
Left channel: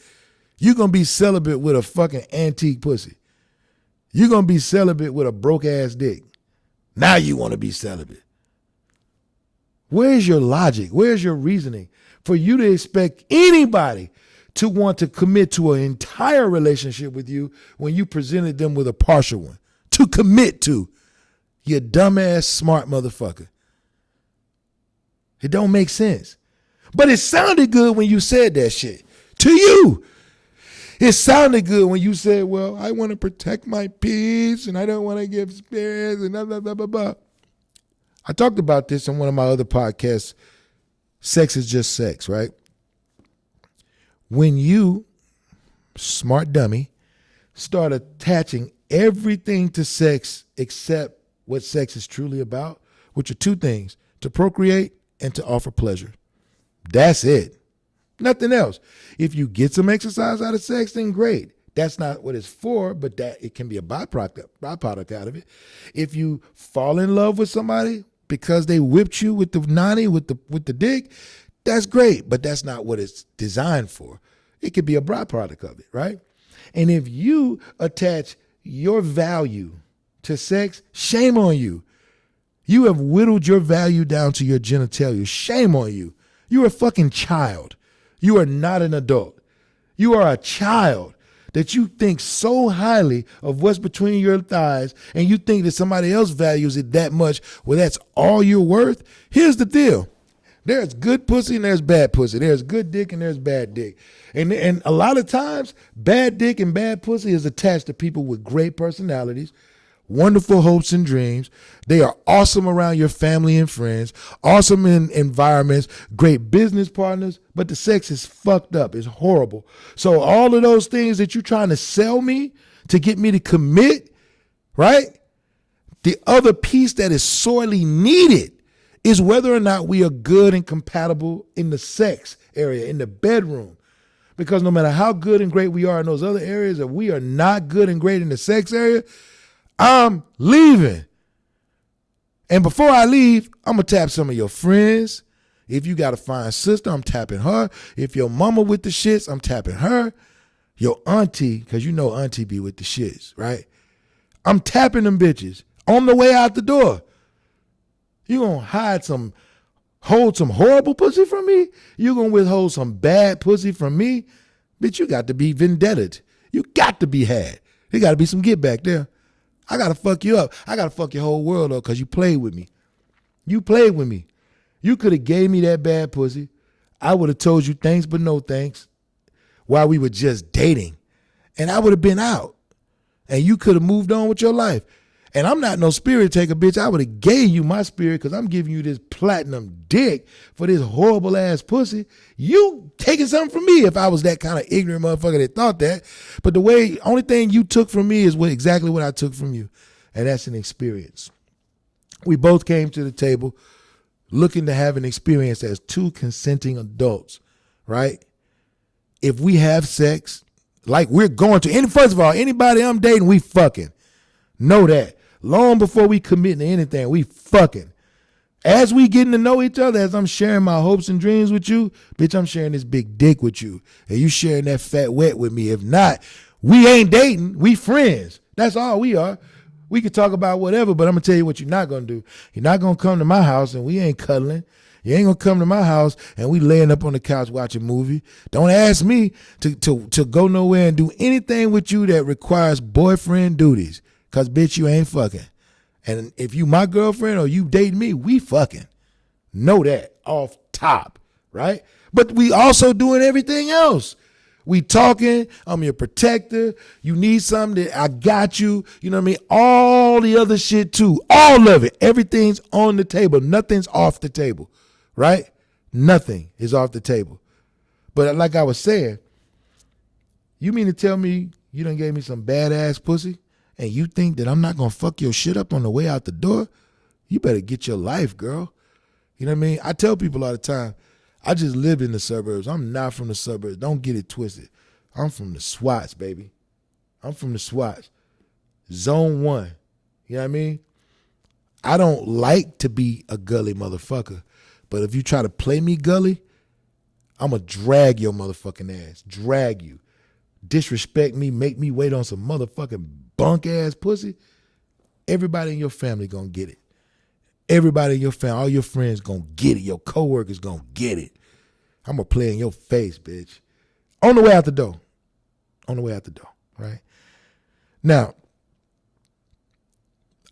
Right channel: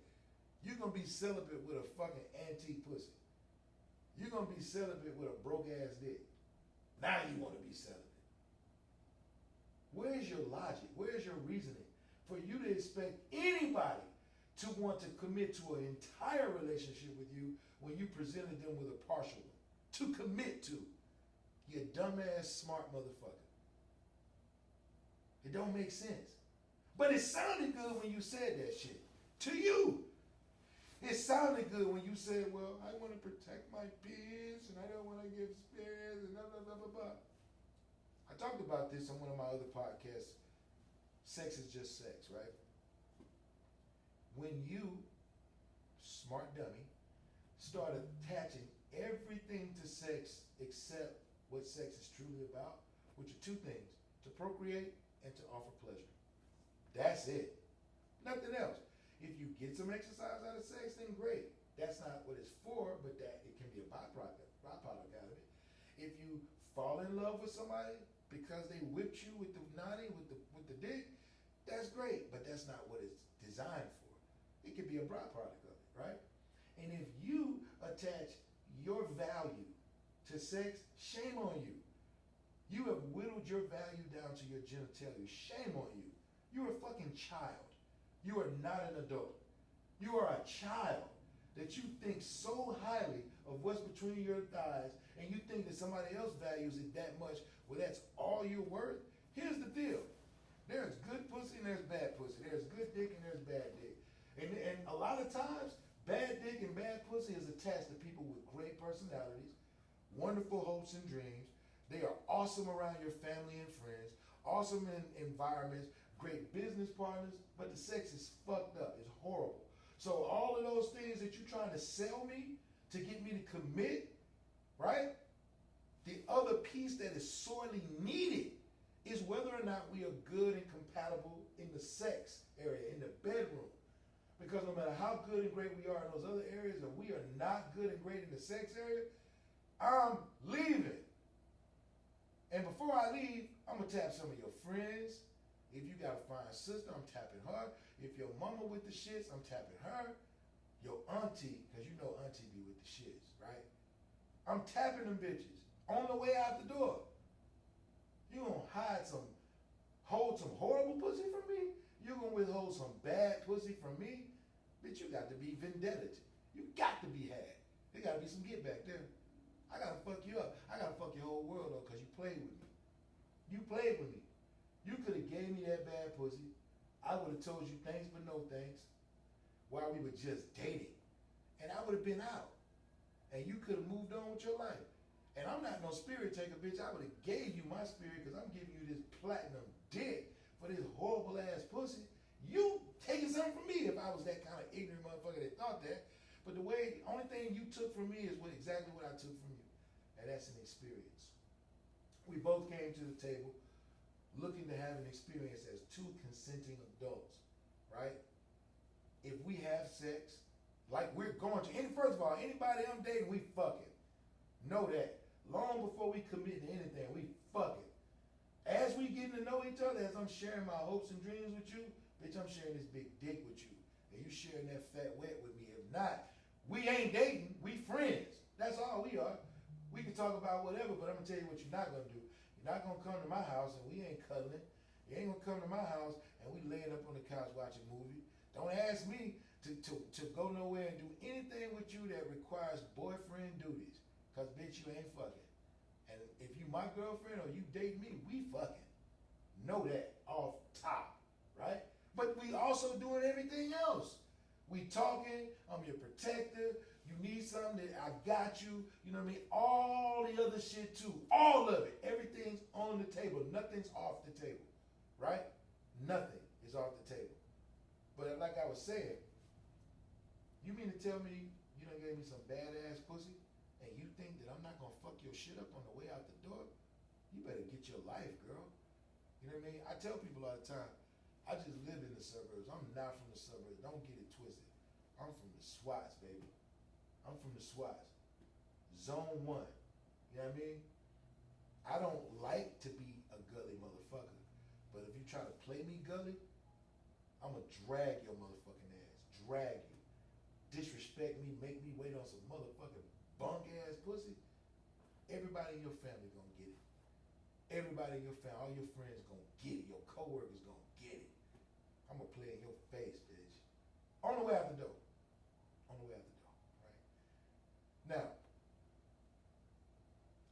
You gonna be celibate with a fucking antique pussy. You gonna be celibate with a broke ass dick. Now you want to be celibate. Where's your logic? Where's your reasoning for you to expect anybody to want to commit to an entire relationship with you when you presented them with a partial one to commit to? You dumbass smart motherfucker. It don't make sense. But it sounded good when you said that shit. To you. It sounded good when you said, well, I want to protect my peace and I don't want to give spirits and blah, blah, blah, blah, blah. I talked about this in one of my other podcasts. Sex is just sex, right? When you, smart dummy, start attaching everything to sex except what sex is truly about, which are 2 things, to procreate and to offer pleasure. That's it. Nothing else. If you get some exercise out of sex, then great. That's not what it's for, but that it can be a byproduct out of it. If you fall in love with somebody because they whipped you with the nanny, with the dick, that's great, but that's not what it's designed for. It could be a byproduct of it, right? And if you attach your value to sex, shame on you. You have whittled your value down to your genitalia. Shame on you. You're a fucking child. You are not an adult. You are a child that you think so highly of what's between your thighs and you think that somebody else values it that much, well, that's all you're worth. Here's the deal. There's good pussy and there's bad pussy. There's good dick and there's bad dick. And a lot of times, bad dick and bad pussy is attached to people with great personalities, wonderful hopes and dreams. They are awesome around your family and friends, awesome in environments, great business partners, but the sex is fucked up. It's horrible. So all of those things that you're trying to sell me to get me to commit, right? The other piece that is sorely needed is whether or not we are good and compatible in the sex area, in the bedroom. Because no matter how good and great we are in those other areas, if we are not good and great in the sex area, I'm leaving. And before I leave, I'm going to tap some of your friends. If you got a fine sister, I'm tapping her. If your mama with the shits, I'm tapping her. Your auntie, because you know auntie be with the shits, right? I'm tapping them bitches on the way out the door. You going to hold some horrible pussy from me? You going to withhold some bad pussy from me? Bitch, you got to be vendetted. You got to be had. There got to be some get back there. I got to fuck you up. I got to fuck your whole world up because you played with me. You played with me. You could have gave me that bad pussy. I would have told you thanks but no thanks while we were just dating. And I would have been out. And you could have moved on with your life. And I'm not no spirit taker, bitch. I would have gave you my spirit because I'm giving you this platinum dick for this horrible ass pussy. You taking something from me if I was that kind of ignorant motherfucker that thought that. But only thing you took from me is exactly what I took from you. And that's an experience. We both came to the table looking to have an experience as 2 consenting adults, right? If we have sex, like we're going to, first of all, anybody I'm dating, we fucking. Know that. Long before we commit to anything, we fucking. As we getting to know each other, as I'm sharing my hopes and dreams with you, bitch, I'm sharing this big dick with you. And you sharing that fat wet with me. If not, we ain't dating. We friends. That's all we are. We could talk about whatever, but I'm going to tell you what you're not going to do. You're not going to come to my house and we ain't cuddling. You ain't going to come to my house and we laying up on the couch watching a movie. Don't ask me to go nowhere and do anything with you that requires boyfriend duties. Because, bitch, you ain't fucking. And if you my girlfriend or you dating me, we fucking. Know that off top, right? But we also doing everything else. We talking, I'm your protector. You need something, that I got you. You know what I mean? All the other shit too. All of it. Everything's on the table. Nothing's off the table, right? Nothing is off the table. But like I was saying, you mean to tell me you done gave me some badass pussy? And you think that I'm not going to fuck your shit up on the way out the door? You better get your life, girl. You know what I mean? I tell people all the time, I just live in the suburbs. I'm not from the suburbs. Don't get it twisted. I'm from the SWATs, baby. I'm from the SWATs. Zone 1. You know what I mean? I don't like to be a gully motherfucker. But if you try to play me gully, I'm going to drag your motherfucking ass. Drag you. Disrespect me, make me wait on some motherfucking bunk ass pussy. Everybody in your family gonna get it. Everybody in your family, all your friends gonna get it. Your coworkers gonna get it. I'm gonna play in your face, bitch. On the way out the door. On the way out the door, right? Now,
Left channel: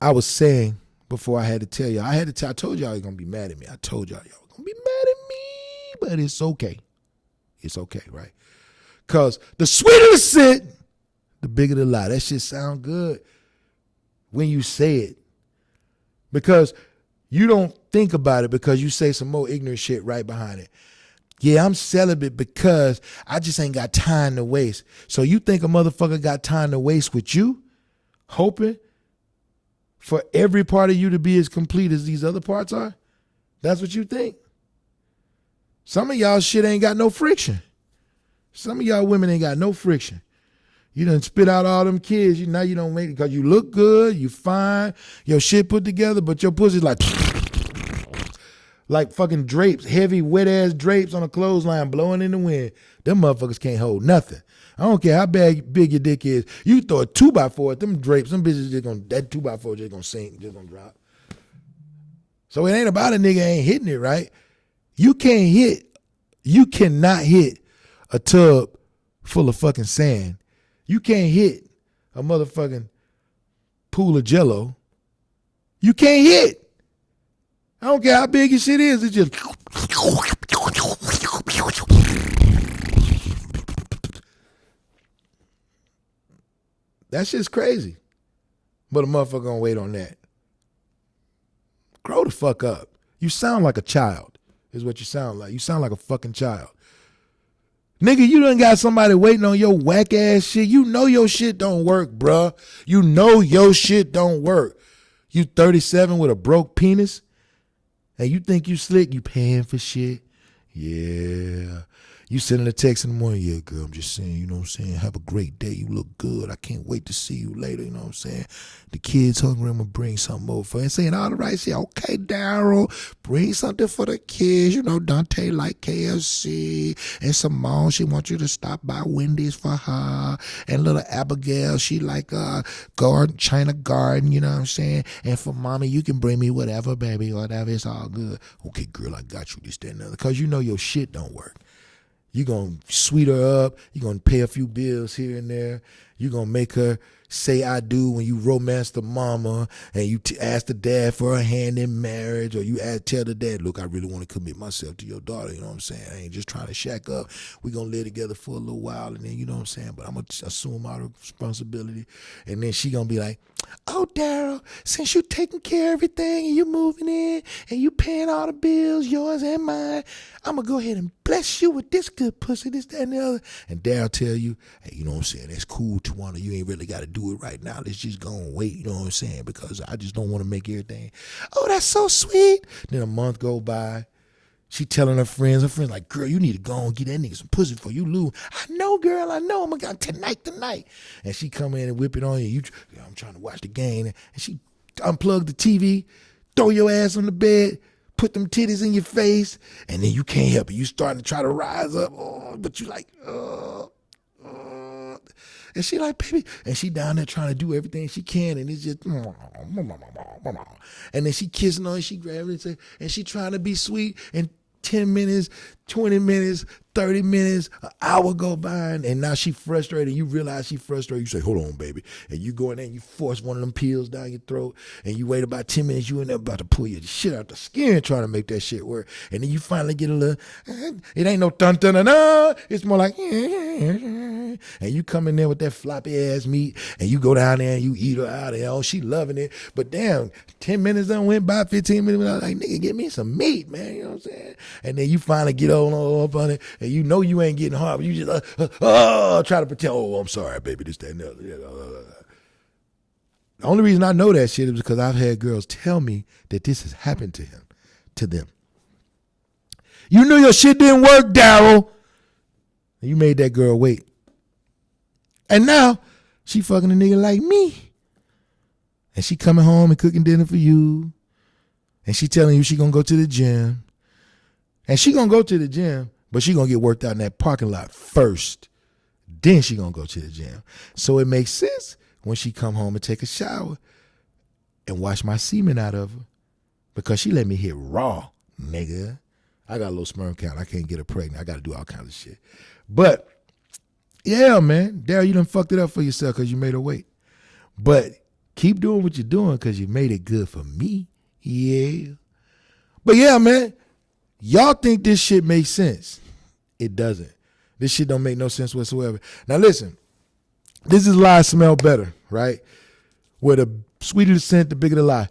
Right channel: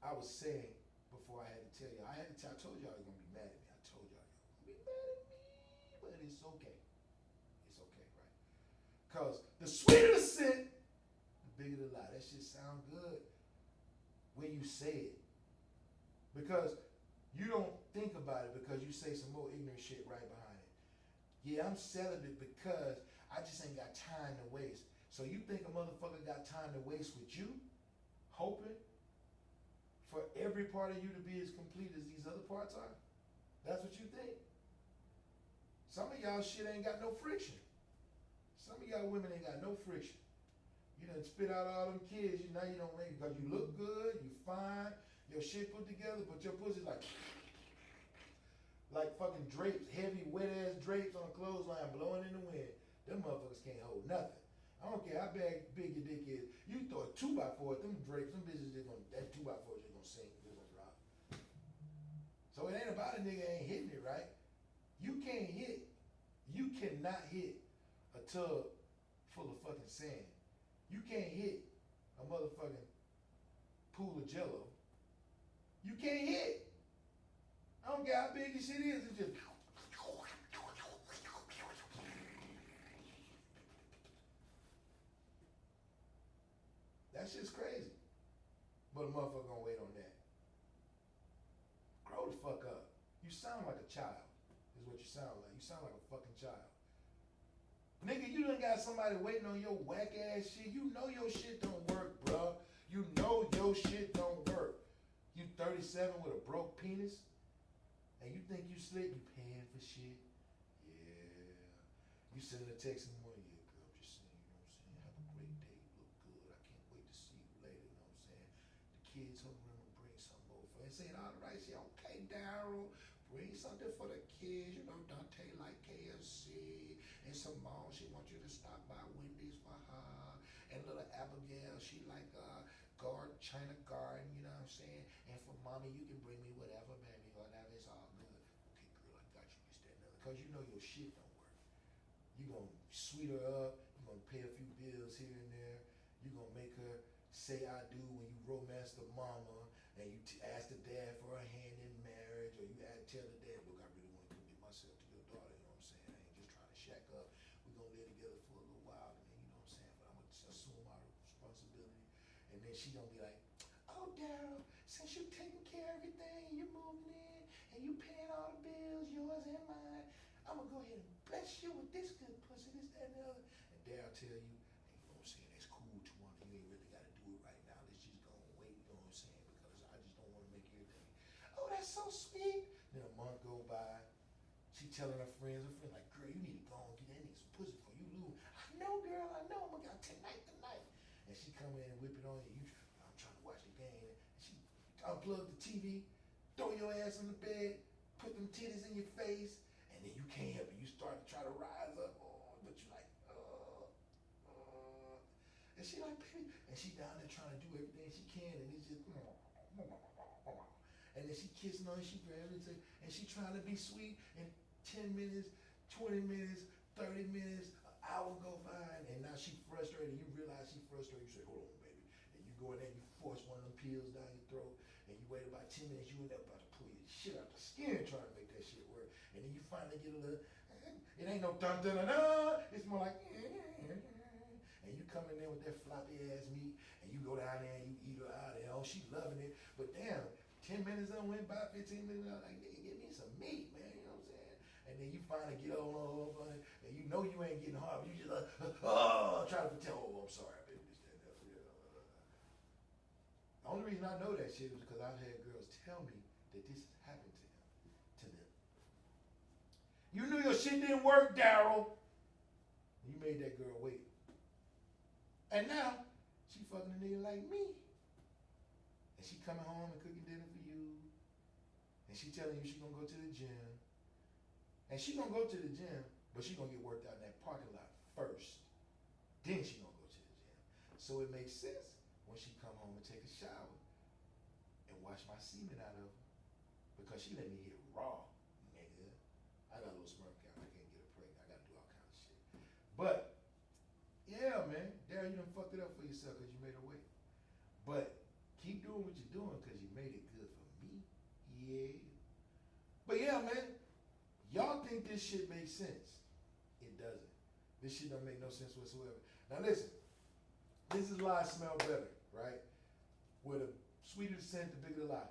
I was saying before I had to tell y'all, I told y'all you're gonna be mad at me. I told y'all gonna be mad at me, but it's okay. It's okay, right? Because the sweeter the scent, the bigger the lie. That shit sound good when you say it. Because you don't think about it because you say some more ignorant shit right behind it. Yeah, I'm celibate because I just ain't got time to waste. So you think a motherfucker got time to waste with you, hoping for every part of you to be as complete as these other parts are? That's what you think. Some of y'all shit ain't got no friction. Some of y'all women ain't got no friction. You done spit out all them kids. Now you don't make it because you look good, you fine, your shit put together, but your pussy's like fucking drapes, heavy, wet-ass drapes on a clothesline blowing in the wind. Them motherfuckers can't hold nothing. I don't care how big your dick is. You throw a 2x4 at them drapes, them bitches just gonna, that 2x4 just gonna sink, just gonna drop. So it ain't about a nigga ain't hitting it, right? You cannot hit a tub full of fucking sand. You can't hit a motherfucking pool of Jello. You can't hit. I don't care how big your shit is. It's just. That shit's crazy. But a motherfucker gonna wait on that. Grow the fuck up. You sound like a child, is what you sound like. You sound like a fucking child. Nigga, you done got somebody waiting on your whack ass shit. You know your shit don't work, bruh. You know your shit don't work. You 37 with a broke penis, and you think you slick, you paying for shit? Yeah. You sending a text in the morning, yeah, girl, I'm just saying, you know what I'm saying? Have a great day. You look good. I can't wait to see you later, you know what I'm saying? The kids hungry, I'm going to bring something over for you. And saying all the right shit. Okay, Daryl, bring something for the kids. You know, Dante like KFC. And Simone, she wants you to stop by Wendy's for her. And little Abigail, she like China Garden, you know what I'm saying? And for mommy, you can bring me whatever, baby, whatever. It's all good. Okay, girl, I got you this, that, and the other. Because you know your shit don't work. You're going to sweet her up. You're going to pay a few bills here and there. You're going to make her say I do when you romance the mama and you ask the dad for a hand in marriage, or you tell the dad, look, I really want to commit myself to your daughter. You know what I'm saying? I ain't just trying to shack up. We're going to live together for a little while, and then, you know what I'm saying, but I'm going to assume all the responsibility. And then she going to be like, oh, Daryl, since you taking care of everything and you moving in and you paying all the bills, yours and mine, I'm going to go ahead and bless you with this good pussy, this, that, and the other. And Daryl tell you, hey, you know what I'm saying, that's cool, Tawana. You ain't really got to do it right now. Let's just go and wait, you know what I'm saying, because I just don't want to make everything, oh, that's so sweet. Then a month go by. She telling her friends like, girl, you need to go and get that nigga some pussy before you lose. I know, girl, I know. I'm going to tonight. And she come in and whip it on you. I'm trying to watch the game. And she unplug the TV, throw your ass on the bed, put them titties in your face, and then you can't help it. You starting to try to rise up, but you like, and she like, baby, and she down there trying to do everything she can, and it's just, and then she kissing on it, she grabbing it, and she trying to be sweet, and 10 minutes, 20 minutes, 30 minutes, an hour go by, and now she frustrated. You realize she frustrated. You say, hold on, baby. And you go in there and you force one of them pills down your throat, and you wait about 10 minutes, you in there about to pull your shit out the skin trying to make that shit work. And then you finally get a little, it ain't no dun-dun-dun-dun. It's more like, and you come in there with that floppy ass meat, and you go down there and you eat her out, and oh, she loving it. But damn, 10 minutes done went by, 15 minutes, I was like, nigga, give me some meat, man. You know what I'm saying? And then you finally get up on it, and you know you ain't getting hard, but you just try to pretend, oh, I'm sorry, baby, this, that, and the other. The only reason I know that shit is because I've had girls tell me that this has happened to them. You knew your shit didn't work, Daryl. And you made that girl wait. And now she fucking a nigga like me. And she coming home and cooking dinner for you. And she telling you she gonna go to the gym. And she gonna go to the gym, but she gonna get worked out in that parking lot first. Then she gonna go to the gym. So it makes sense when she come home and take a shower and wash my semen out of her, because she let me hit raw, nigga. I got a little sperm count. I can't get her pregnant. I got to do all kinds of shit. But yeah, man, Daryl, you done fucked it up for yourself because you made her wait. But keep doing what you're doing because you made it good for me. Yeah. But yeah, man, y'all think this shit makes sense. It doesn't. This shit don't make no sense whatsoever. Now listen, this is lies smell better, right? Where the sweeter the scent, the bigger the lie.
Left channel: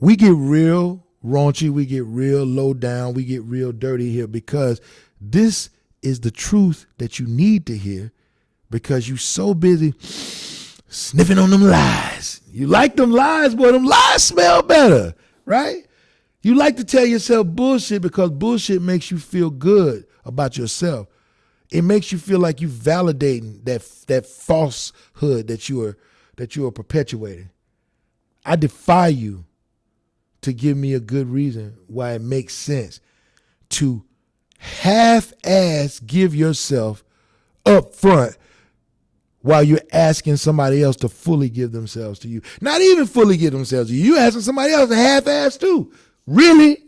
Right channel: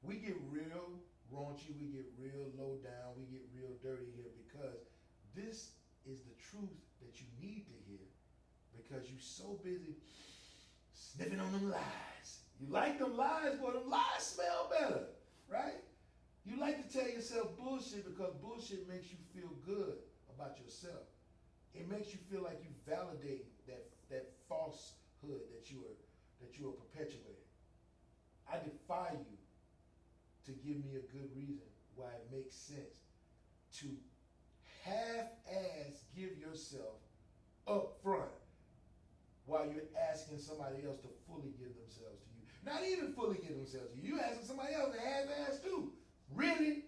We get real raunchy, we get real low down, we get real dirty here because this is the truth that you need to hear because you so busy sniffing on them lies. You like them lies, boy, them lies smell better, right? You like to tell yourself bullshit because bullshit makes you feel good about yourself. It makes you feel like you validating that falsehood that you are perpetuating. I defy you to give me a good reason why it makes sense to half-ass give yourself up front while you're asking somebody else to fully give themselves to you. Not even fully give themselves to you. You're asking somebody else to half-ass too. Really?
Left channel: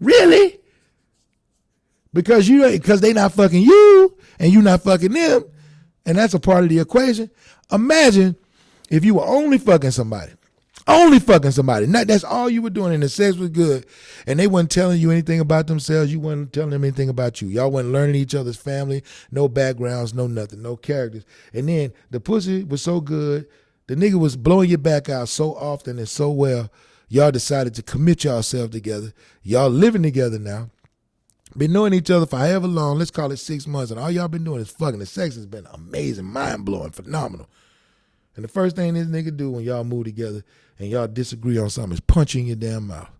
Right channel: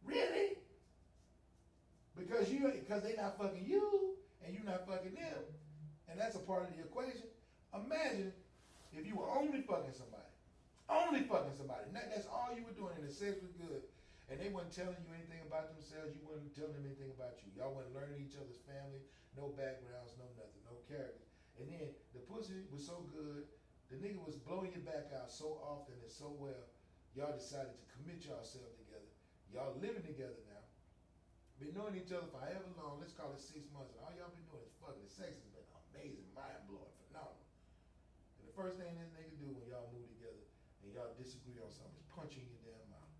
Really? Because they not fucking you and you not fucking them, and that's a part of the equation. Imagine if you were only fucking somebody. That's all you were doing, and the sex was good, and they wasn't telling you anything about themselves. You wasn't telling them anything about you. Y'all wasn't learning each other's family, no backgrounds, no nothing, no characters. And then the pussy was so good, the nigga was blowing your back out so often and so well, y'all decided to commit yourselves together. Y'all living together now. Been knowing each other for however long, let's call it 6 months, and all y'all been doing is fucking. The sex has been amazing, mind-blowing, phenomenal. And the first thing this nigga do when y'all move together and y'all disagree on something is punch you in your damn mouth.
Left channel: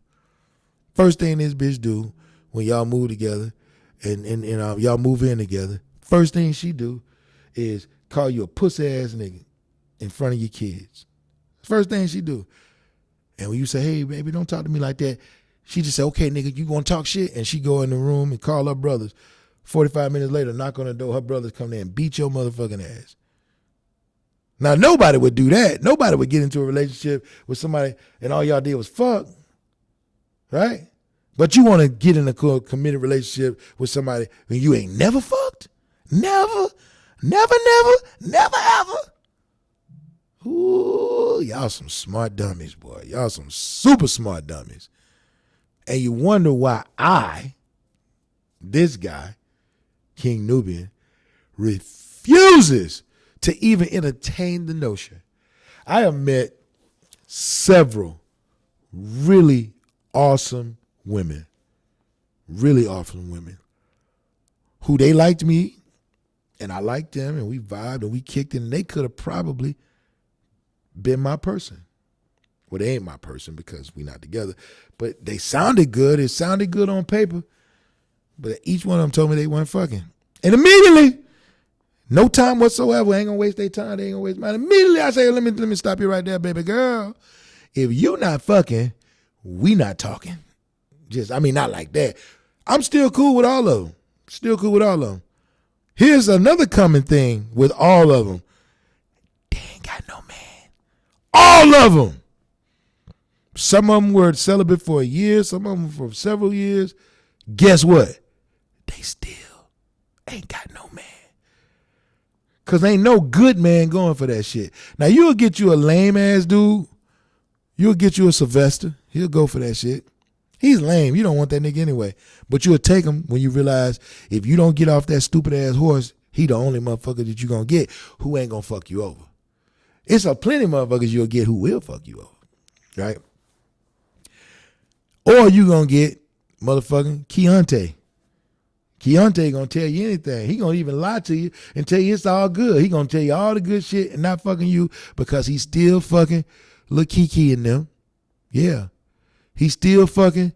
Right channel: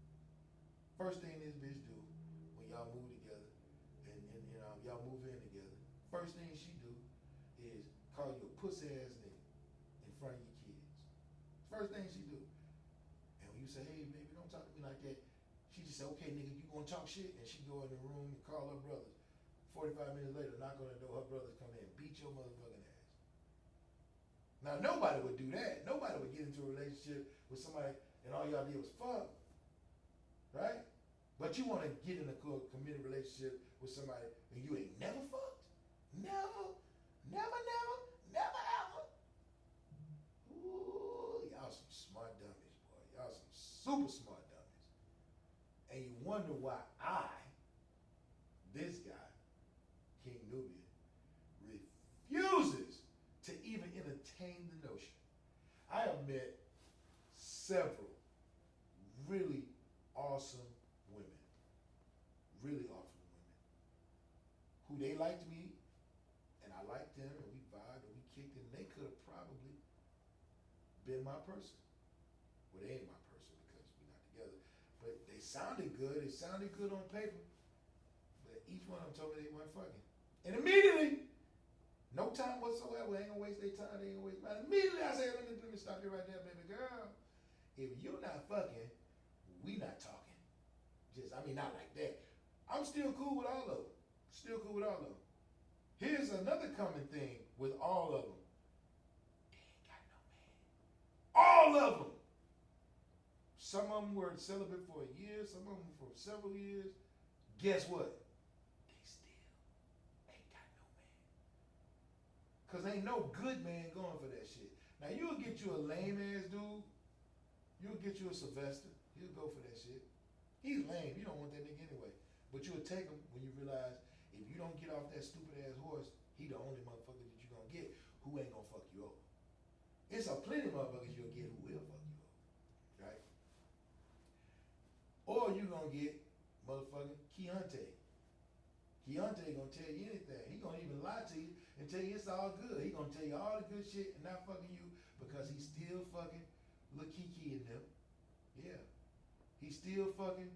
First thing this bitch do when y'all move together and y'all move in together, first thing she do is call you a pussy-ass nigga in front of your kids. First thing she do. And when you say, hey, baby, don't talk to me like that, she just say, okay, nigga, you gonna talk shit? And she go in the room and call her brothers. 45 minutes later, knock on the door, her brothers come there and beat your motherfucking ass. Now, nobody would do that. Nobody would get into a relationship with somebody and all y'all did was fuck, right? But you want to get in a committed relationship with somebody when you ain't never fucked? Never, never, never, never, ever. Ooh, y'all some smart dummies, boy. Y'all some super smart dummies. And you wonder why this guy, King Nubian, refuses to even entertain the notion. I have met several really awesome women who they liked me and I liked them and we vibed and we kicked it and they could have probably been my person. Well, they ain't my person because we not together, but they sounded good. It sounded good on paper, but each one of them told me they weren't fucking. And immediately, no time whatsoever, ain't gonna waste their time, they ain't gonna waste mine. Immediately I say, let me stop you right there, baby girl. If you not fucking, we not talking. Not like that. I'm still cool with all of them. Still cool with all of them. Here's another common thing with all of them. They ain't got no man. All of them. Some of them were celibate for a year. Some of them for several years. Guess what? They still ain't got no man. Because ain't no good man going for that shit. Now, you'll get you a lame-ass dude. You'll get you a Sylvester. He'll go for that shit. He's lame. You don't want that nigga anyway. But you'll take him when you realize if you don't get off that stupid-ass horse, he the only motherfucker that you going to get who ain't going to fuck you over. It's a plenty of motherfuckers you'll get who will fuck you over. Right? Or you going to get motherfucking Keontae. Keontae going to tell you anything. He going to even lie to you and tell you it's all good. He going to tell you all the good shit and not fucking you because he's still fucking Lil Kiki and them. Yeah. He's still fucking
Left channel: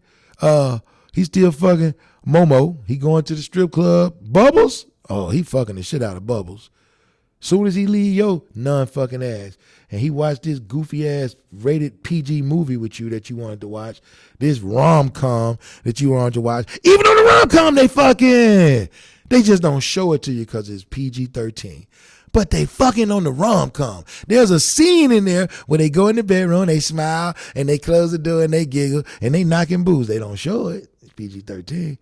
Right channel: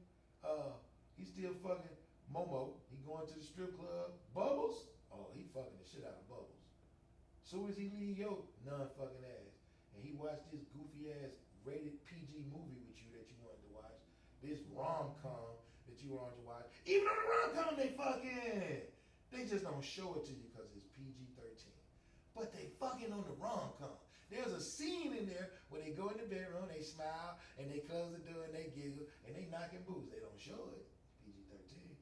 Momo. He going to the strip club. Bubbles? Oh, he fucking the shit out of Bubbles. Soon as he leave your non-fucking ass and he watched this goofy ass rated PG movie with you that you wanted to watch, this rom-com that you wanted to watch, even on the rom-com they fucking. They just don't show it to you because it's PG-13. But they fucking on the rom-com. There's a scene in there where they go in the bedroom, they smile, and they close the door and they giggle, and they knocking booze. They don't show it. It's PG-13.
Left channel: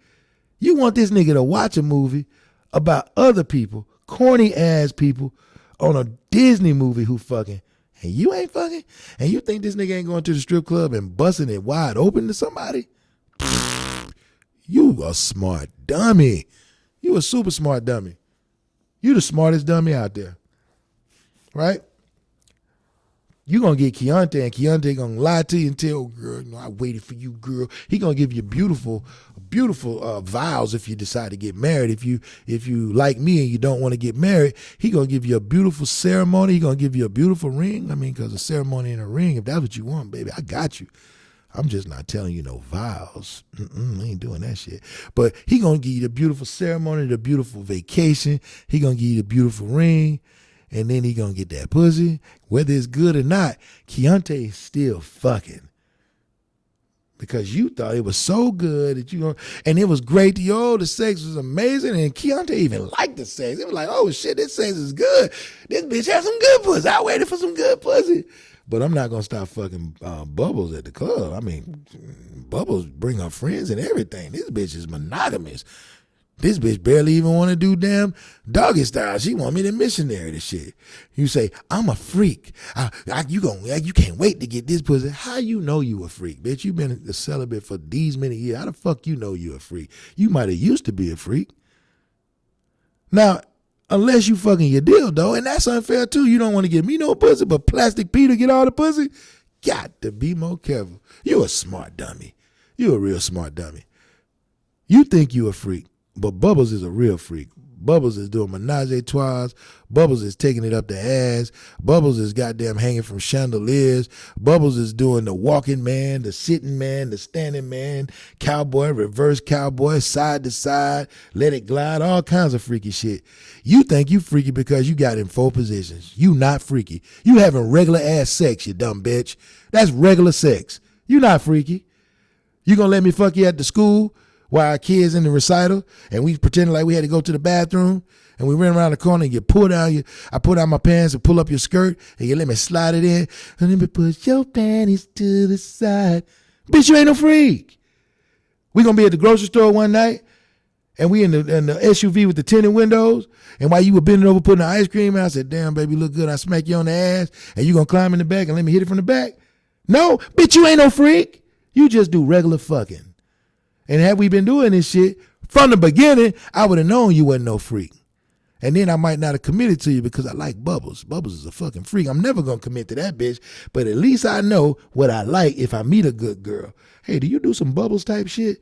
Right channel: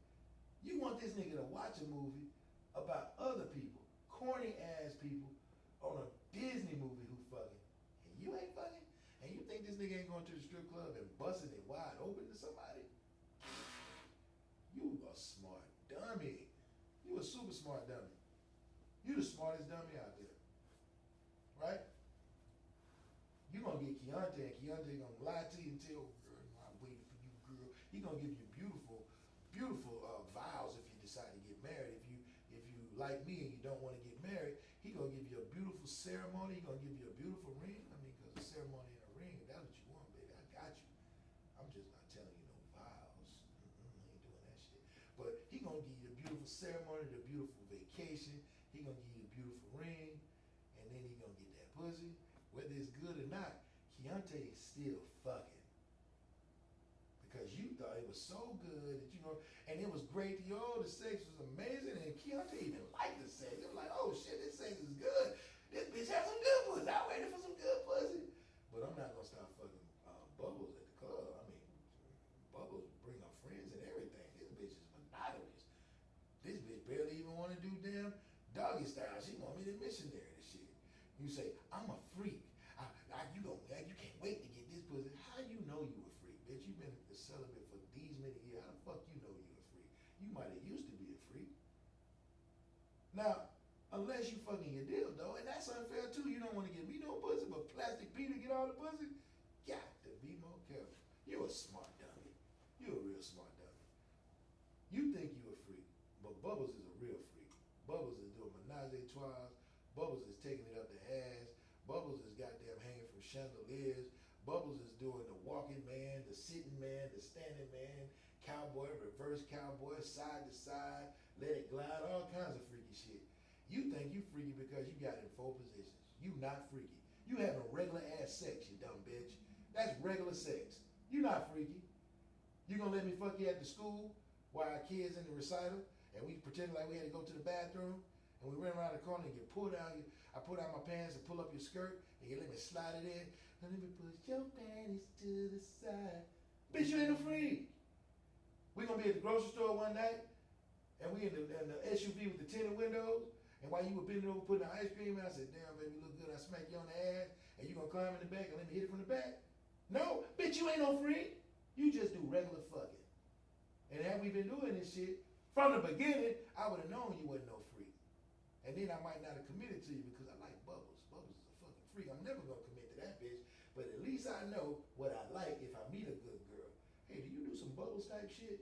You want this nigga to watch a movie about other people, corny-ass people, on a Disney movie who fucking, and you ain't fucking? And you think this nigga ain't going to the strip club and busting it wide open to somebody? You a smart dummy. You a super smart dummy. You the smartest dummy out there, right? You gonna get Keontae, and Keontae gonna lie to you and tell, girl, I waited for you, girl. He gonna give you beautiful vows if you decide to get married. If you like me and you don't want to get married, he gonna give you a beautiful ceremony. He gonna give you a beautiful ring. Because a ceremony and a ring, if that's what you want, baby, I got you. I'm just not telling you no vows. I ain't doing that shit. But he gonna give you the beautiful ceremony, the beautiful vacation. He gonna give you the beautiful ring, and then he gonna get that pussy. Whether it's good or not, Keontae is still fucking. Because you thought it was so good that and it was great to you. Oh, the sex was amazing, and Keontae even liked the sex. It was like, oh shit, this sex is good. This bitch has some good pussy. I waited for some good pussy. But I'm not going to stop fucking Bubbles at the club. Bubbles bring her friends and everything. This bitch is monogamous. This bitch barely even want to do damn doggy style. She want me to missionary this shit. You say, I'm a freak. You can't wait to get this pussy. How you know you a freak, bitch? You been a celibate for these many years. How the fuck you know you a freak? You might have used to be a freak. Now, unless you fucking your dildo, and that's unfair too. You don't want to give me no pussy, but Plastic Peter get all the pussy. Got to be more careful. You a smart dummy. You a real smart dummy. You think you a freak, but Bubbles is a real freak. Bubbles is doing menage a trois. Bubbles is taking it up the ass. Bubbles is goddamn hanging from chandeliers. Bubbles is doing the walking man, the sitting man, the standing man, cowboy, reverse cowboy, side to side, let it glide, all kinds of freaky shit. You think you freaky because you got in 4 positions. You not freaky. You having regular ass sex, you dumb bitch. That's regular sex. You not freaky. You gonna let me fuck you at the school while our kids in the recital and we pretending like we had to go to the bathroom and we ran around the corner and you pull down I pull down my pants and pull up your skirt and you let me slide it in and let me push your panties to the side. Bitch, you ain't no freak. We gonna be at the grocery store one night and we in the SUV with the tinted windows, and while you were bending over putting the ice cream out, I said, damn, baby, look good. I smack you on the ass and you gonna climb in the back and let me hit it from the back? No, bitch, you ain't no freak. You just do regular fucking. And had we been doing this shit from the beginning, I would have known you wasn't no freak. And then I might not have committed to you because I like Bubbles. Bubbles is a fucking freak. I'm never going to commit to that bitch, but at least I know what I like if I meet a good girl. Hey, do you do some Bubbles type shit?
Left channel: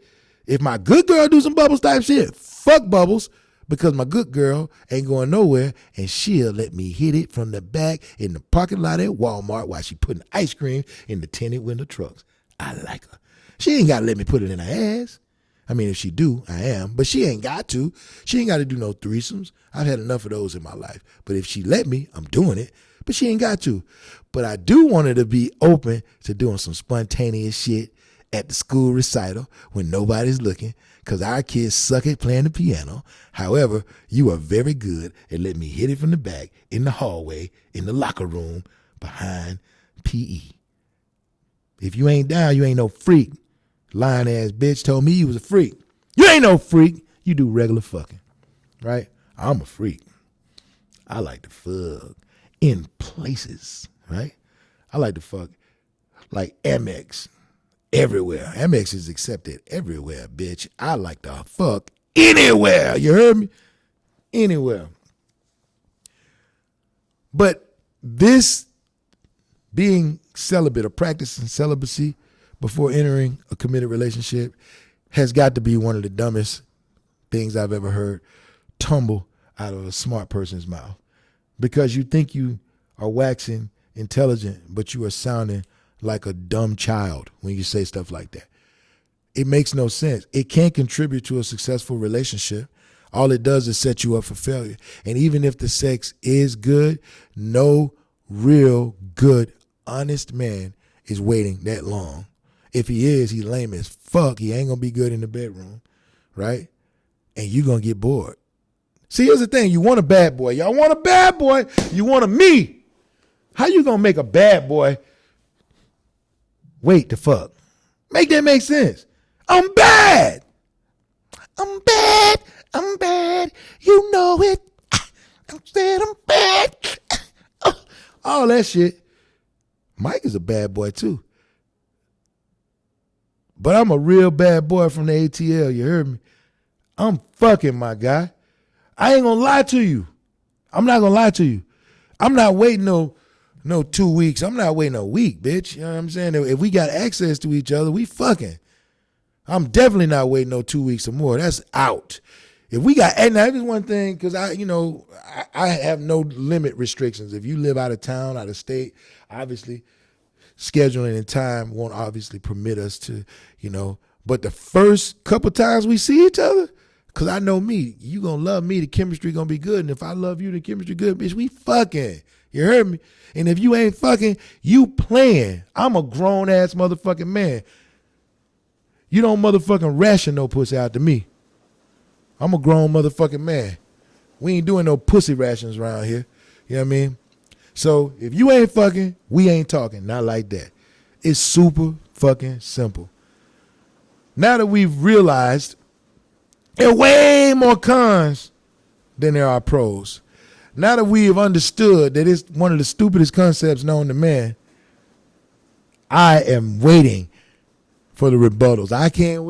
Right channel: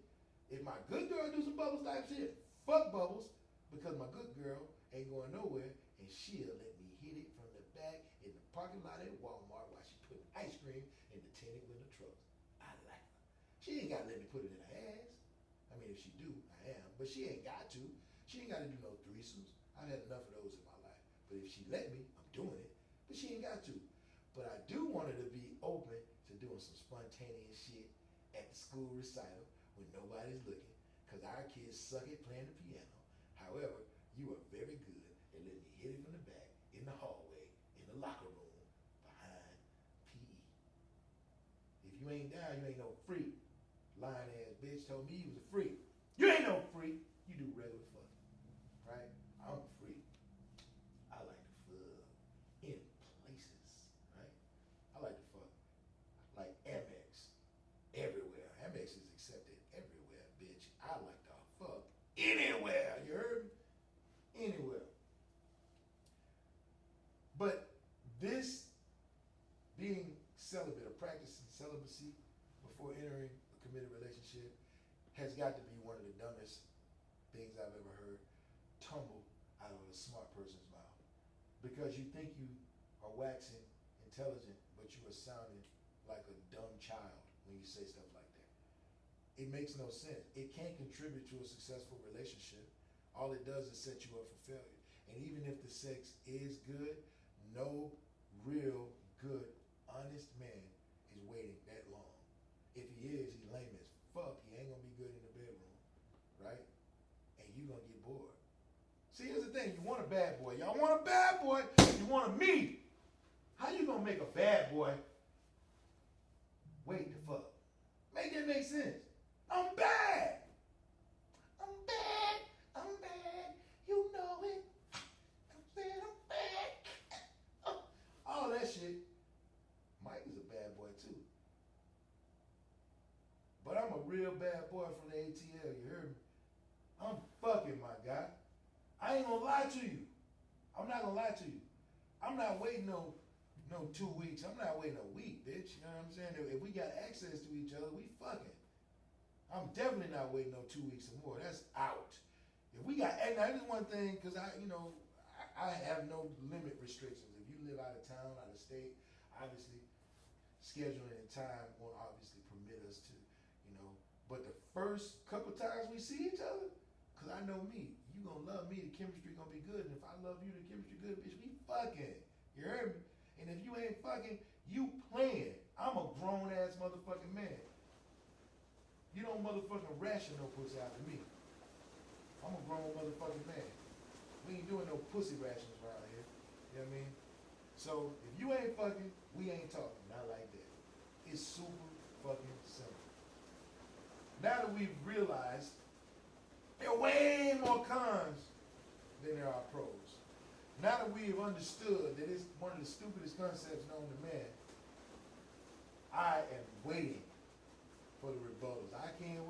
If my good girl do some Bubbles type shit, fuck Bubbles, because my good girl ain't going nowhere and she'll let me hit it from the back in the parking lot at Walmart while she putting ice cream in the tinted window trucks. I like her. She ain't got to let me put it in her ass. If she do, I am. But she ain't got to. She ain't got to do no threesomes. I've had enough of those in my life. But if she let me, I'm doing it but she ain't got to. But I do want her to be open to doing some spontaneous shit at the school recital when nobody's looking, because our kids suck at playing the piano. However, you are very good at letting me hit it from the back, in the hallway, in the locker room, behind PE. If you ain't down, you ain't no freak. Lying ass bitch told me you was a freak. You ain't no freak. You do regular fucking, right? I'm a freak. I like to fuck in places, right? I like to fuck like Amex everywhere. Amex is accepted everywhere, bitch. I like to fuck anywhere. You heard me? Anywhere. But this being celibate or practicing celibacy before entering a committed relationship has got to be one of the dumbest things I've ever heard tumble out of a smart person's mouth. Because you think you are waxing intelligent, but you are sounding like a dumb child when you say stuff like that. It makes no sense. It can't contribute to a successful relationship. All it does is set you up for failure. And even if the sex is good, no real good, honest man is waiting that long. If he is, he's lame as fuck. He ain't gonna be good in the bedroom, right? And you're gonna get bored. See, here's the thing. You want a bad boy. Y'all want a bad boy. You want a me. How you gonna make a bad boy wait to fuck? Make that make sense. I'm bad. I'm bad. I'm bad. You know it. I said I'm bad. All that shit. Mike is a bad boy too. But I'm a real bad boy from the ATL. You heard me? I'm fucking, my guy. I ain't gonna lie to you. I'm not gonna lie to you. I'm not waiting no 2 weeks. I'm not waiting a week, bitch. You know what I'm saying? If we got access to each other, we fucking. I'm definitely not waiting no 2 weeks or more. That's out. If we got, and that is one thing, because I have no limit restrictions. If you live out of town, out of state, obviously scheduling and time won't obviously permit us to, but the first couple times we see each other, because I know me, you going to love me, the chemistry going to be good. And if I love you, the chemistry good, bitch, we fucking. You heard me? And if you ain't fucking, you playing. I'm a grown-ass motherfucking man. You don't motherfucking ration no pussy out to me. I'm a grown motherfucking man. We ain't doing no pussy rations around here. You know what I mean? So if you ain't fucking, we ain't talking. Not like that. It's super fucking simple. Now that we've realized there are way more cons than there are pros. Now that we have understood that it's one of the stupidest concepts known to man, I am waiting for the rebuttals. I can't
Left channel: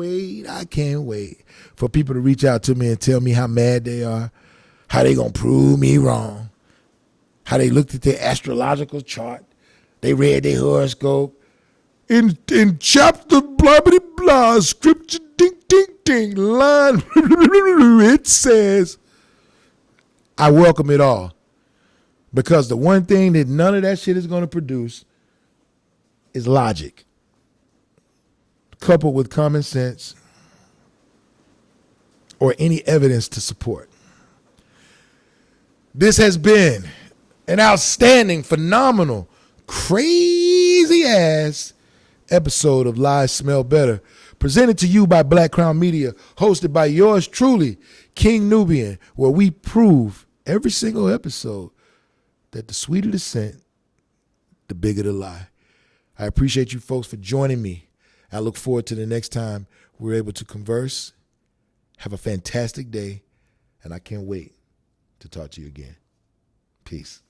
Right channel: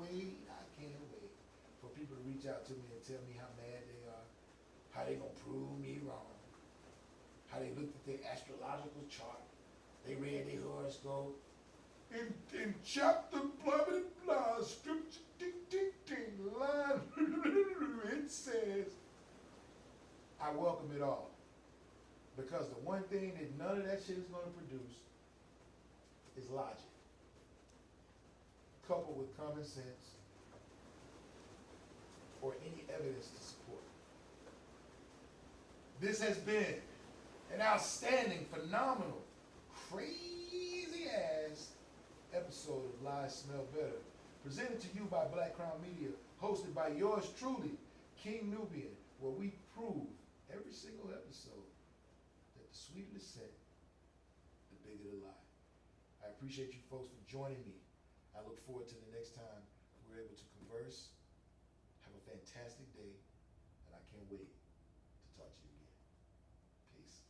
wait for people to reach out to me and tell me how mad they are, how they gonna prove me wrong, how they looked at their astrological chart, they read their horoscope. In chapter blah blah blah, scripture ding ding ding, line it says, I welcome it all. Because the one thing that none of that shit is gonna produce is logic, coupled with common sense or any evidence to support. This has been an outstanding, phenomenal, crazy ass episode of Lies Smell Better, presented to you by Black Crown Media, hosted by yours truly, King Nubian, where we prove every single episode that the sweeter the scent, the bigger the lie. I appreciate you folks for joining me. I look forward to the next time we're able to converse. Have a fantastic day, and I can't wait to talk to you again. Peace.